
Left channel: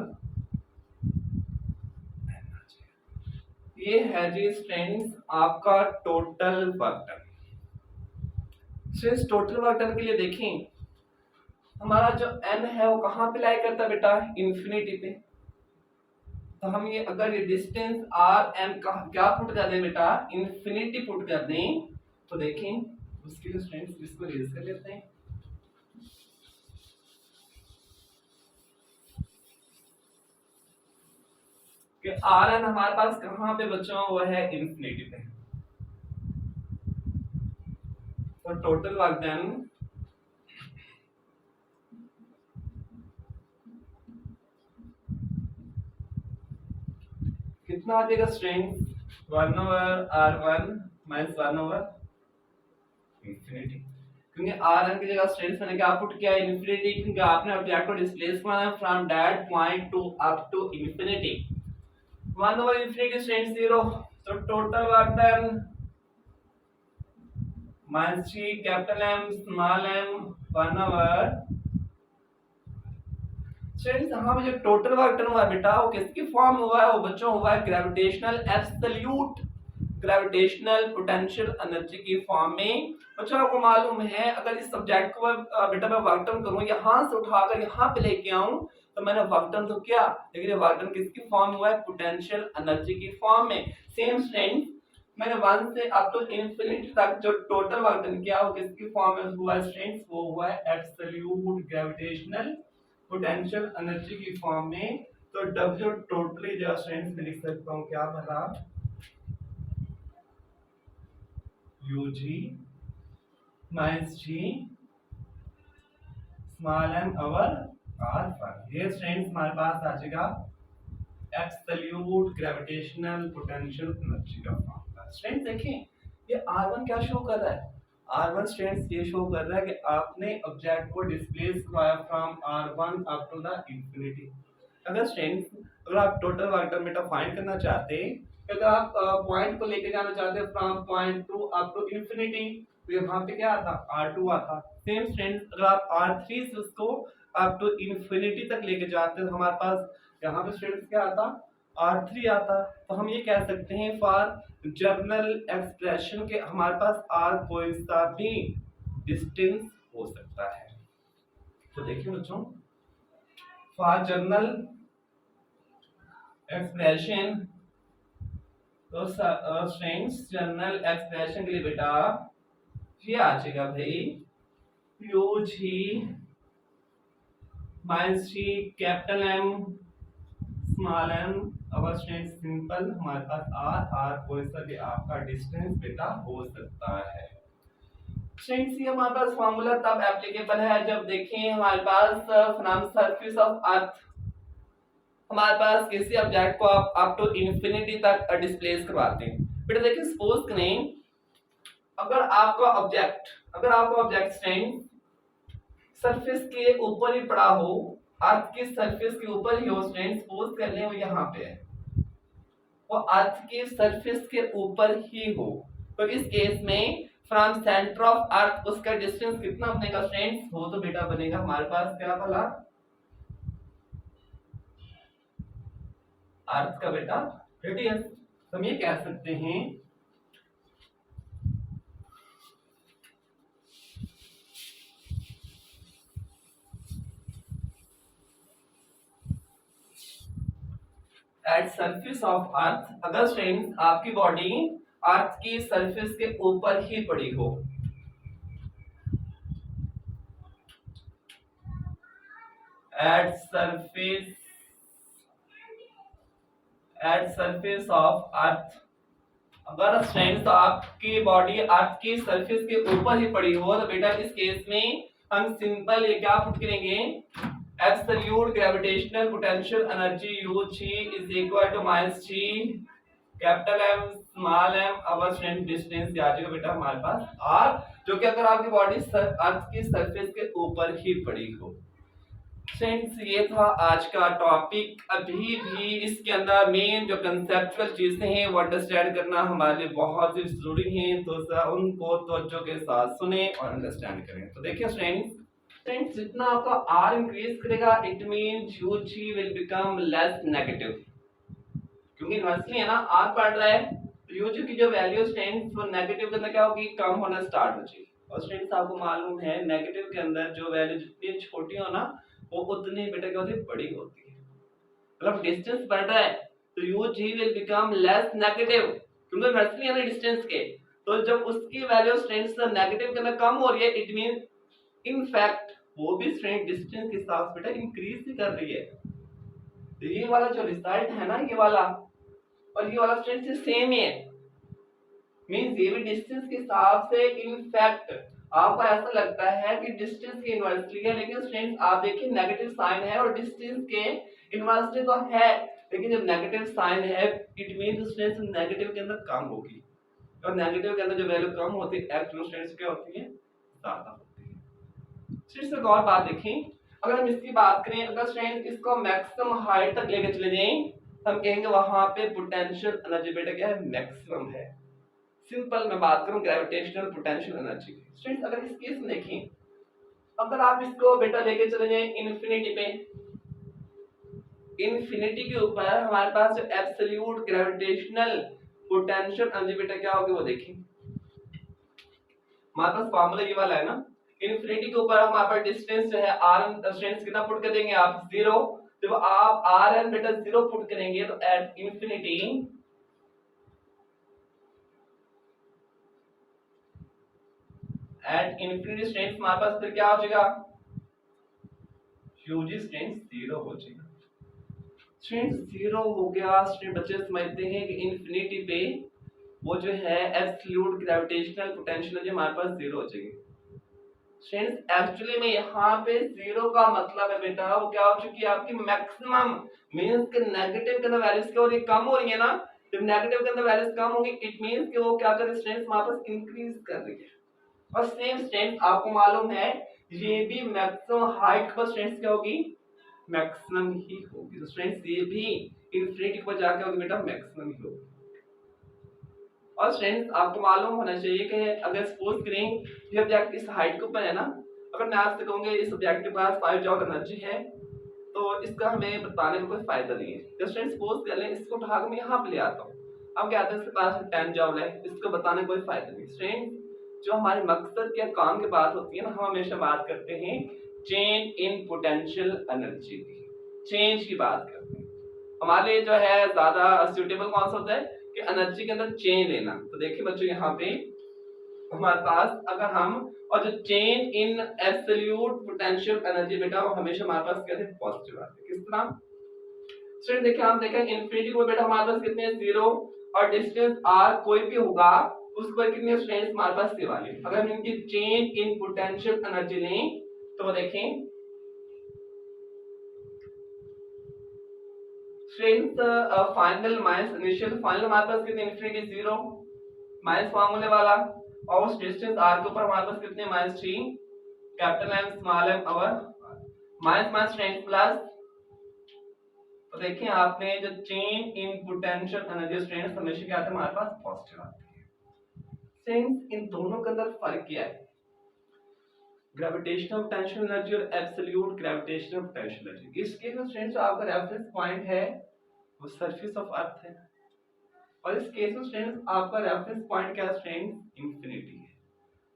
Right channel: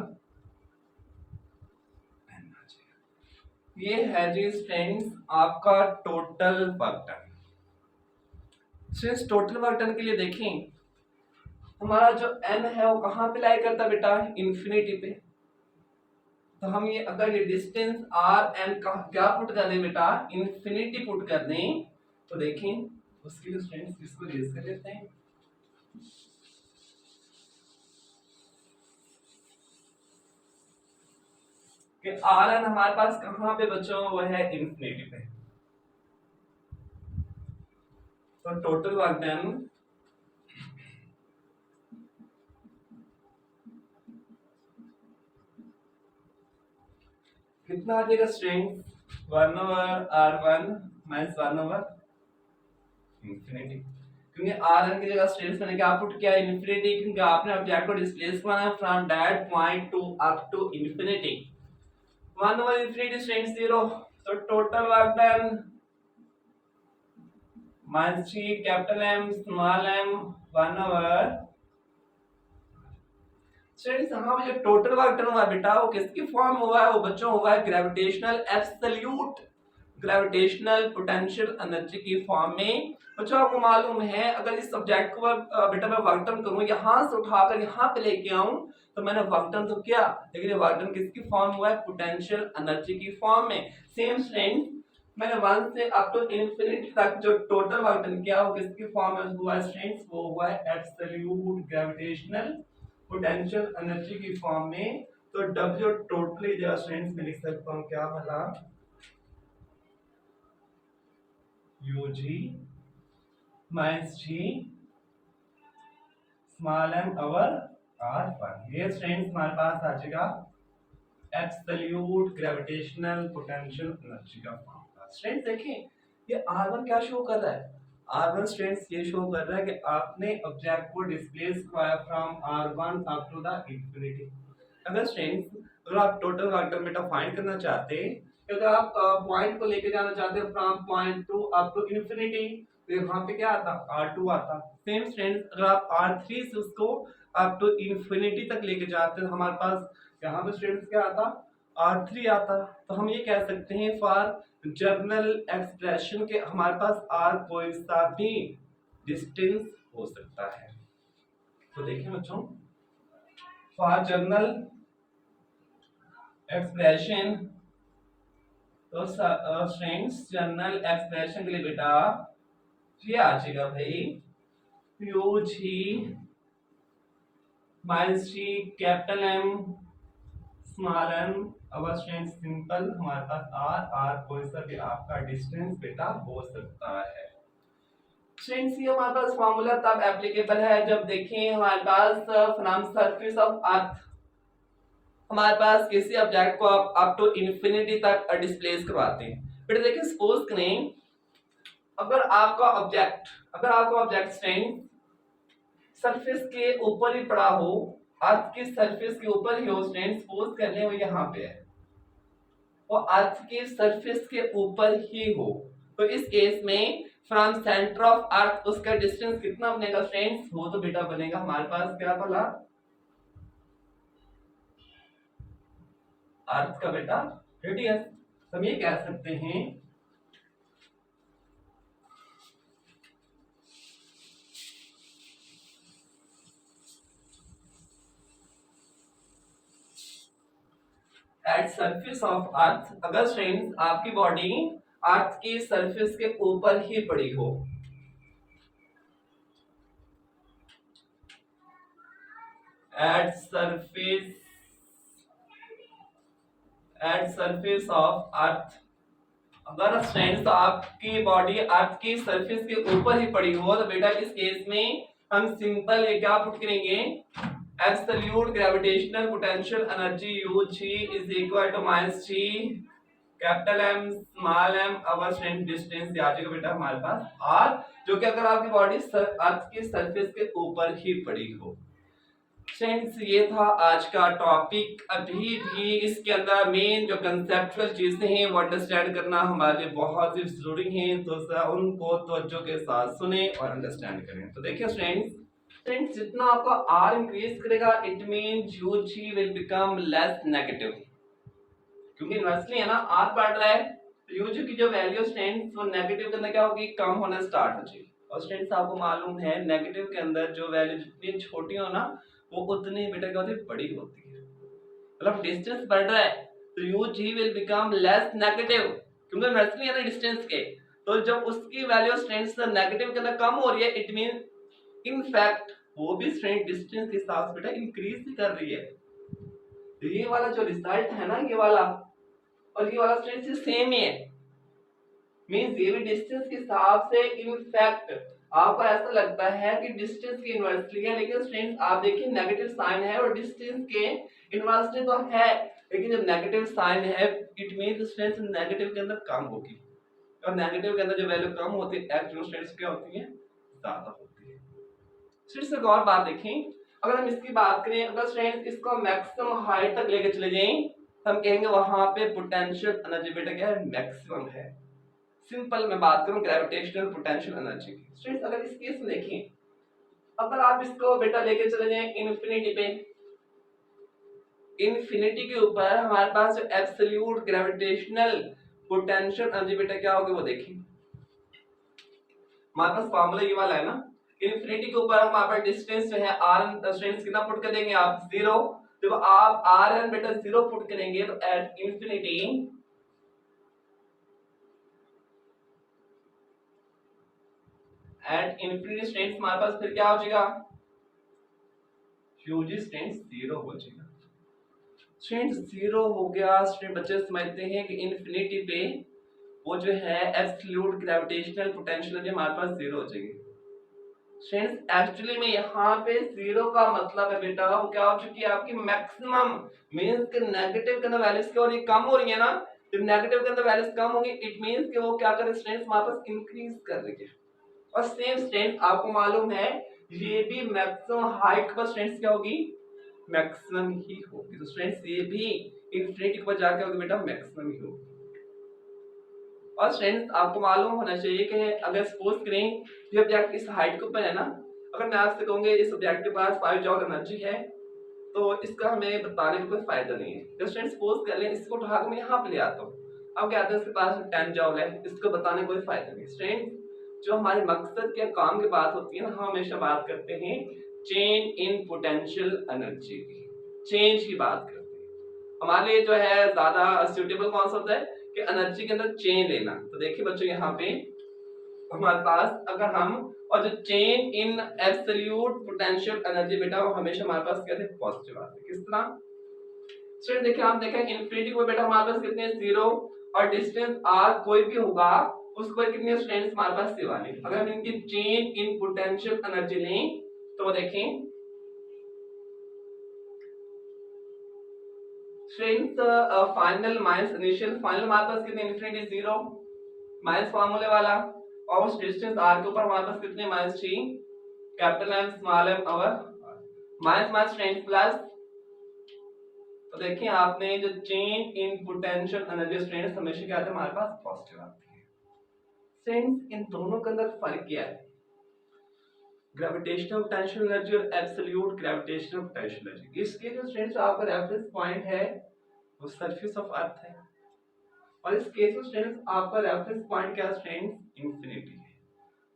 ये है जी स्टूडेंट्स आपका total work done. Students total work done के लिए देखें हमारा जो n है वो कहाँ पे लाई करता है बेटा, इंफिनिटी पे। तो हम ये अगर ये डिस्टेंस आर एम का क्या पुट कर दें बेटा, इंफिनिटी पुट कर दें, तो देखें उसके लिए स्टूडेंट्स इसको रेज कर लेते हैं। कि आर एन हमारे पास कहाँ पे बच्चों, वो है इंफिनिटी पे। तो टोटल वर्क डन कितना आ जाएगा strength, 1 over r1 minus 1 over infinity. क्योंकि rn की जगह स्ट्रेंथ मैंने क्या पुट किया है, इंफिनिटी, क्योंकि आपने ऑब्जेक्ट को डिस्प्लेस करना है from that point to up to infinity. 1 over infinity strength 0, तो total work done minus G capital M small M 1 over. Students यहाँ पे जो टोटल वर्क डन हुआ है बेटा वो किसकी फॉर्म हुआ है, वो बच्चों हुआ है gravitational absolute gravitational potential energy की फॉर्म में। बच्चों आपको मालूम है अगर इस सब्जेक्ट को बेटा मैं वर्क डन करूं, यहाँ से उठाकर यहाँ पे लेके आऊं, तो मैंने वर्क डन तो किया, लेकिन ये वर्क डन किसकी फॉर्म हुआ है, पोटेंशियल एनर्जी की फॉर्म में। सेम स्टूडेंट्स मैंने 1 से अप टू इंफिनिटी तक जो टोटल वर्क डन किया वो किसकी फॉर्म में हुआ है स्टूडेंट्स, वो हुआ है एब्सोल्यूट ग्रेविटेशनल पोटेंशियल एनर्जी की फॉर्म में। तो W टोटली जो स्टूडेंट्स में लिख सकता हूं क्या भला, UG minus G small m over R1। ये स्टूडेंट्स हमारे पास आ जाएगा एब्सोल्यूट ग्रेविटेशनल पोटेंशियल एनर्जी का फॉर्मूला। स्टूडेंट्स देखें ये R1 क्या शो कर रहा है, R1 स्टूडेंट्स ये शो कर रहा है कि आपने ऑब्जेक्ट को डिस्प्लेस करवाया from R1 up to the infinity. अगर स्टूडेंट्स अगर आप टोटल वर्क डन बेटा फाइंड करना चाहते हैं, अगर आप पॉइंट को लेके जाना चाहते हैं from point to up to infinity, तो यहाँ पे क्या आता, R2 आता। सेम स्टूडेंट्स अगर आप R3 से उसको अप टू इंफिनिटी तक लेके जाते हैं, हमारे पास यहाँ पे स्टूडेंट्स क्या आता, R3 आता। तो हम ये कह सकते हैं फॉर जर्नल एक्सप्रेशन के हमारे पास R कोई सा भी डिस्टेंस हो सकता है। तो देखिए बच्चों फॉर जर्नल एक्सप्रेशन, तो स्ट्रिंग्स जर्नल एक्सप्रेशन के लिए बेटा ये आ जाएगा भाई UG minus G capital M small m our strength simple हमारे पास r कोई सा भी आपका डिस्टेंस बेटा हो सकता है। स्ट्रेंथ ये हमारे पास फार्मूला तब एप्लीकेबल है जब देखें हमारे पास फ्रॉम सरफेस ऑफ अर्थ हमारे पास किसी ऑब्जेक्ट को आप अप टू इंफिनिटी तक डिस्प्लेस करवाते हैं। बेटा देखिए सपोज करें अगर आपका ऑब्जेक्ट स्ट्रेंथ सरफेस के ऊपर ही पड़ा हो, अर्थ की सरफेस के ऊपर ही हो स्टूडेंट, सपोज कर लें वो यहाँ पे है, वो अर्थ की सरफेस के ऊपर ही हो, तो इस केस में फ्रॉम सेंटर ऑफ अर्थ उसका डिस्टेंस कितना बनेगा स्टूडेंट्स, वो तो बेटा बनेगा हमारे पास क्या भला, अर्थ का बेटा रेडियस। हम ये कह सकते हैं एट सरफेस ऑफ अर्थ, अगर स्ट्रेंथ आपकी बॉडी अर्थ की सरफेस के ऊपर ही पड़ी हो। एट सरफेस ऑफ अर्थ, अगर फ्रेंड्स आपकी बॉडी अर्थ की सरफेस के ऊपर ही पड़ी हो तो बेटा इस केस में हम सिंपल ये क्या पुट करेंगे, absolute gravitational potential energy U G is equal to minus G capital M small M over strength distance आ जाएगा बेटा हमारे पास, और जो कि अगर आपकी बॉडी अर्थ की सरफेस के ऊपर ही पड़ी हो। फ्रेंड्स ये था आज का टॉपिक। अभी भी इसके अंदर मेन जो कंसेप्चुअल चीजें हैं वो अंडरस्टैंड करना हमारे लिए बहुत ही जरूरी है, तो उनको तवज्जो के साथ सुने और अंडरस्टैंड करें। तो देखिए फ्रेंड्स जितना आपका आर इंक्रीज करेगा it means U G will become less negative, क्योंकि इन्वर्सली है ना आर बढ़ रहा है तो यू जी की जो वैल्यू फ्रेंड्स वो नेगेटिव के अंदर क्या होगी, कम होना स्टार्ट हो जाएगी। और फ्रेंड्स आपको मालूम है नेगेटिव के अंदर जो वैल्यू जितनी छोटी हो ना वो उतनी बेटा क्या होती है, बड़ी होती है। मतलब डिस्टेंस बढ़ रहा है तो U G will become less negative, क्योंकि इन्वर्सली है ना डिस्टेंस के, तो जब उसकी वैल्यू फ्रेंड्स नेगेटिव के अंदर कम हो रही है इट मीन इन फैक्ट वो भी फ्रेंड डिस्टेंस के साथ बेटा इंक्रीज ही कर रही है। तो ये वाला जो रिजल्ट है ना ये वाला और ये वाला फ्रेंड्स सेम ही है, मींस ये भी डिस्टेंस के हिसाब से इन फैक्ट आपको ऐसा लगता है कि डिस्टेंस के इन्वर्सली है, लेकिन फ्रेंड्स आप देखिए नेगेटिव साइन है और डिस्टेंस के इन्वर्सली तो है, लेकिन जब नेगेटिव साइन है इट मींस स्ट्रेंथ नेगेटिव के अंदर कम होगी, और नेगेटिव के अंदर जो वैल्यू कम होती है एक्चुअल स्ट्रेंथ क्या होती है, ज्यादा होती है। फिर से एक और बात देखें, अगर हम इसकी बात करें, अगर स्ट्रेंथ इसको मैक्सिमम हाइट तक लेके चले जाएं हम कहेंगे वहां पे पोटेंशियल एनर्जी बेटा क्या है, मैक्सिमम है। सिंपल मैं बात करूं ग्रेविटेशनल पोटेंशियल एनर्जी की, स्टूडेंट्स अगर इस केस में देखें, अगर आप इसको बेटा लेके चले जाएं इन्फिनिटी पे, इन्फिनिटी के ऊपर हमारे पास जो एब्सोल्यूट ग्रेविटेशनल पोटेंशियल एनर्जी बेटा क्या होगी वो देखें, हमारे पास फार्मूला ये वाला है ना, इन्फिनिटी के ऊपर हमारे पास डिस्टेंस जो है आर एन डिस्टेंस कितना पुट कर देंगे आप, 0। जब आप आर एन बेटा 0 पुट करेंगे तो at infinity at infinity strength हमारे पास फिर क्या हो जाएगा, यूजी स्ट्रेंथ 0 हो जाएगा। स्ट्रेंथ 0 हो गया, स्ट्रेंथ बच्चे समझते हैं कि इन्फिनिटी पे वो जो है एब्सोल्यूट ग्रेविटेशनल पोटेंशियल जो हमारे पास 0 हो जाएगी। स्ट्रेंथ एक्चुअली में यहाँ पे 0 का मतलब है बेटा वो क्या हो चुकी है आपकी मैक्सिमम, मींस के नेगेटिव के अंदर वैल्यूज क्या हो रही है, कम हो रही है ना, जब नेगेटिव के अंदर वैल्यूज कम होंगी इट मींस कि वो क्या कर रही है, स्ट्रेंथ हमारे पास इंक्रीज कर रही है। और सेम स्ट्रेंथ आपको मालूम है ये भी मैक्सिमम हाइट पर स्ट्रेंथ क्या होगी, मैक्सिमम ही होगी, तो स्ट्रेंथ ये भी इन्फिनिटी पर जाके होगी बेटा मैक्सिमम ही होगी। और स्ट्रेंथ आपको मालूम होना चाहिए कि अगर सपोज करें ये ऑब्जेक्ट इस हाइट के ऊपर है ना, अगर मैं आपसे कहूंगा इस ऑब्जेक्ट के पास 5 जॉल एनर्जी है तो इसका हमें बताने का कोई फायदा नहीं है। तो स्ट्रेंथ सपोज कर लें इसको उठा के मैं यहाँ पे ले आता हूँ, अब क्या आता है इसके पास 10 जॉल है, इसको बताने का कोई फायदा नहीं। स्ट्रेंथ जो हमारे मकसद के काम की बात होती है ना, हम हमेशा बात करते हैं चेंज इन पोटेंशियल एनर्जी की, चेंज की बात करते हैं। हमारे लिए जो है ज्यादा सूटेबल कौन सा होता है कि एनर्जी के अंदर चेंज लेना। तो देखिए बच्चों यहाँ पे हमारे पास अगर हम और जो change in absolute potential energy बेटा वो हमेशा हमारे पास क्या थे, पॉजिटिव आते हैं। किस तरह स्टूडेंट देखिए हम देखें इन्फिनिटी को बेटा हमारे पास कितने 0 और डिस्टेंस r कोई भी होगा उस पर कितने स्ट्रेंथ हमारे पास से वाले, अगर हम इनकी चेंज इन पोटेंशियल एनर्जी लें तो देखें strength final minus initial, final हमारे पास कितने इन्फिनिटी 0 माइनस फार्मूले वाला, और उस डिस्टेंस r के ऊपर हमारे पास कितने -3 कैपिटल M स्मॉल m और माइनस माइनस स्ट्रेंथ प्लस, तो देखिए आपने जो change in potential energy strength हमेशा क्या आते हैं हमारे पास पॉजिटिव आती है। स्ट्रेंथ इन दोनों के अंदर फर्क क्या है, ग्रेविटेशनल पोटेंशियल एनर्जी और एब्सोल्यूट ग्रेविटेशनल पोटेंशियल एनर्जी। इसके जो स्ट्रेंथ आपका रेफरेंस पॉइंट है वो सरफेस ऑफ अर्थ है, और इस केस में स्ट्रेंथ आपका रेफरेंस पॉइंट क्या स्ट्रेंथ इंफिनिटी है,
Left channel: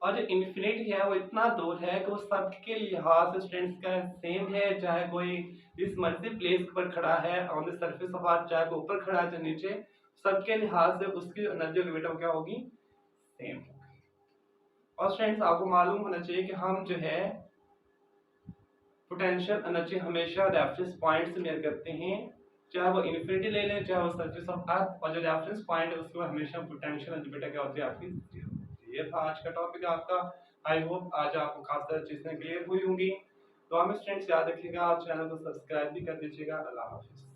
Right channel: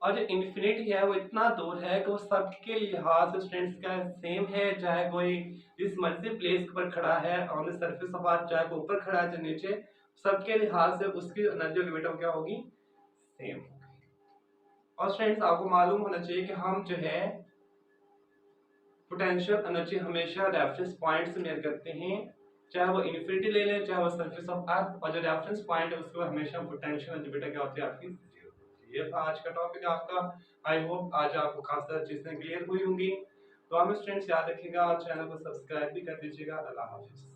और जो इंफिनिटी है वो इतना दूर है कि वो सबके लिहाज से स्ट्रेंथ का सेम है, चाहे कोई इस मर्जी प्लेस पर खड़ा है ऑन द सरफेस ऑफ अर्थ, चाहे ऊपर खड़ा है चाहे नीचे, सबके लिहाज से उसकी एनर्जी होगी बेटा वो क्या होगी, सेम होगी। और फ्रेंड्स आपको मालूम होना चाहिए कि हम जो है पोटेंशियल एनर्जी हमेशा रेफरेंस पॉइंट से मेजर करते हैं, चाहे वो इन्फिनिटी ले लें चाहे वो सरफेस ऑफ अर्थ, और जो रेफरेंस पॉइंट है उसके हमेशा पोटेंशियल एनर्जी बेटा क्या होती है आपकी, जीरो होती है। ये था आज का टॉपिक आपका। आई होप आज आपको खास सारी चीजें क्लियर हुई होंगी। तो हमें स्टूडेंट्स याद रखिएगा, चैनल को सब्सक्राइब भी कर दीजिएगा। अल्लाह हाफिज।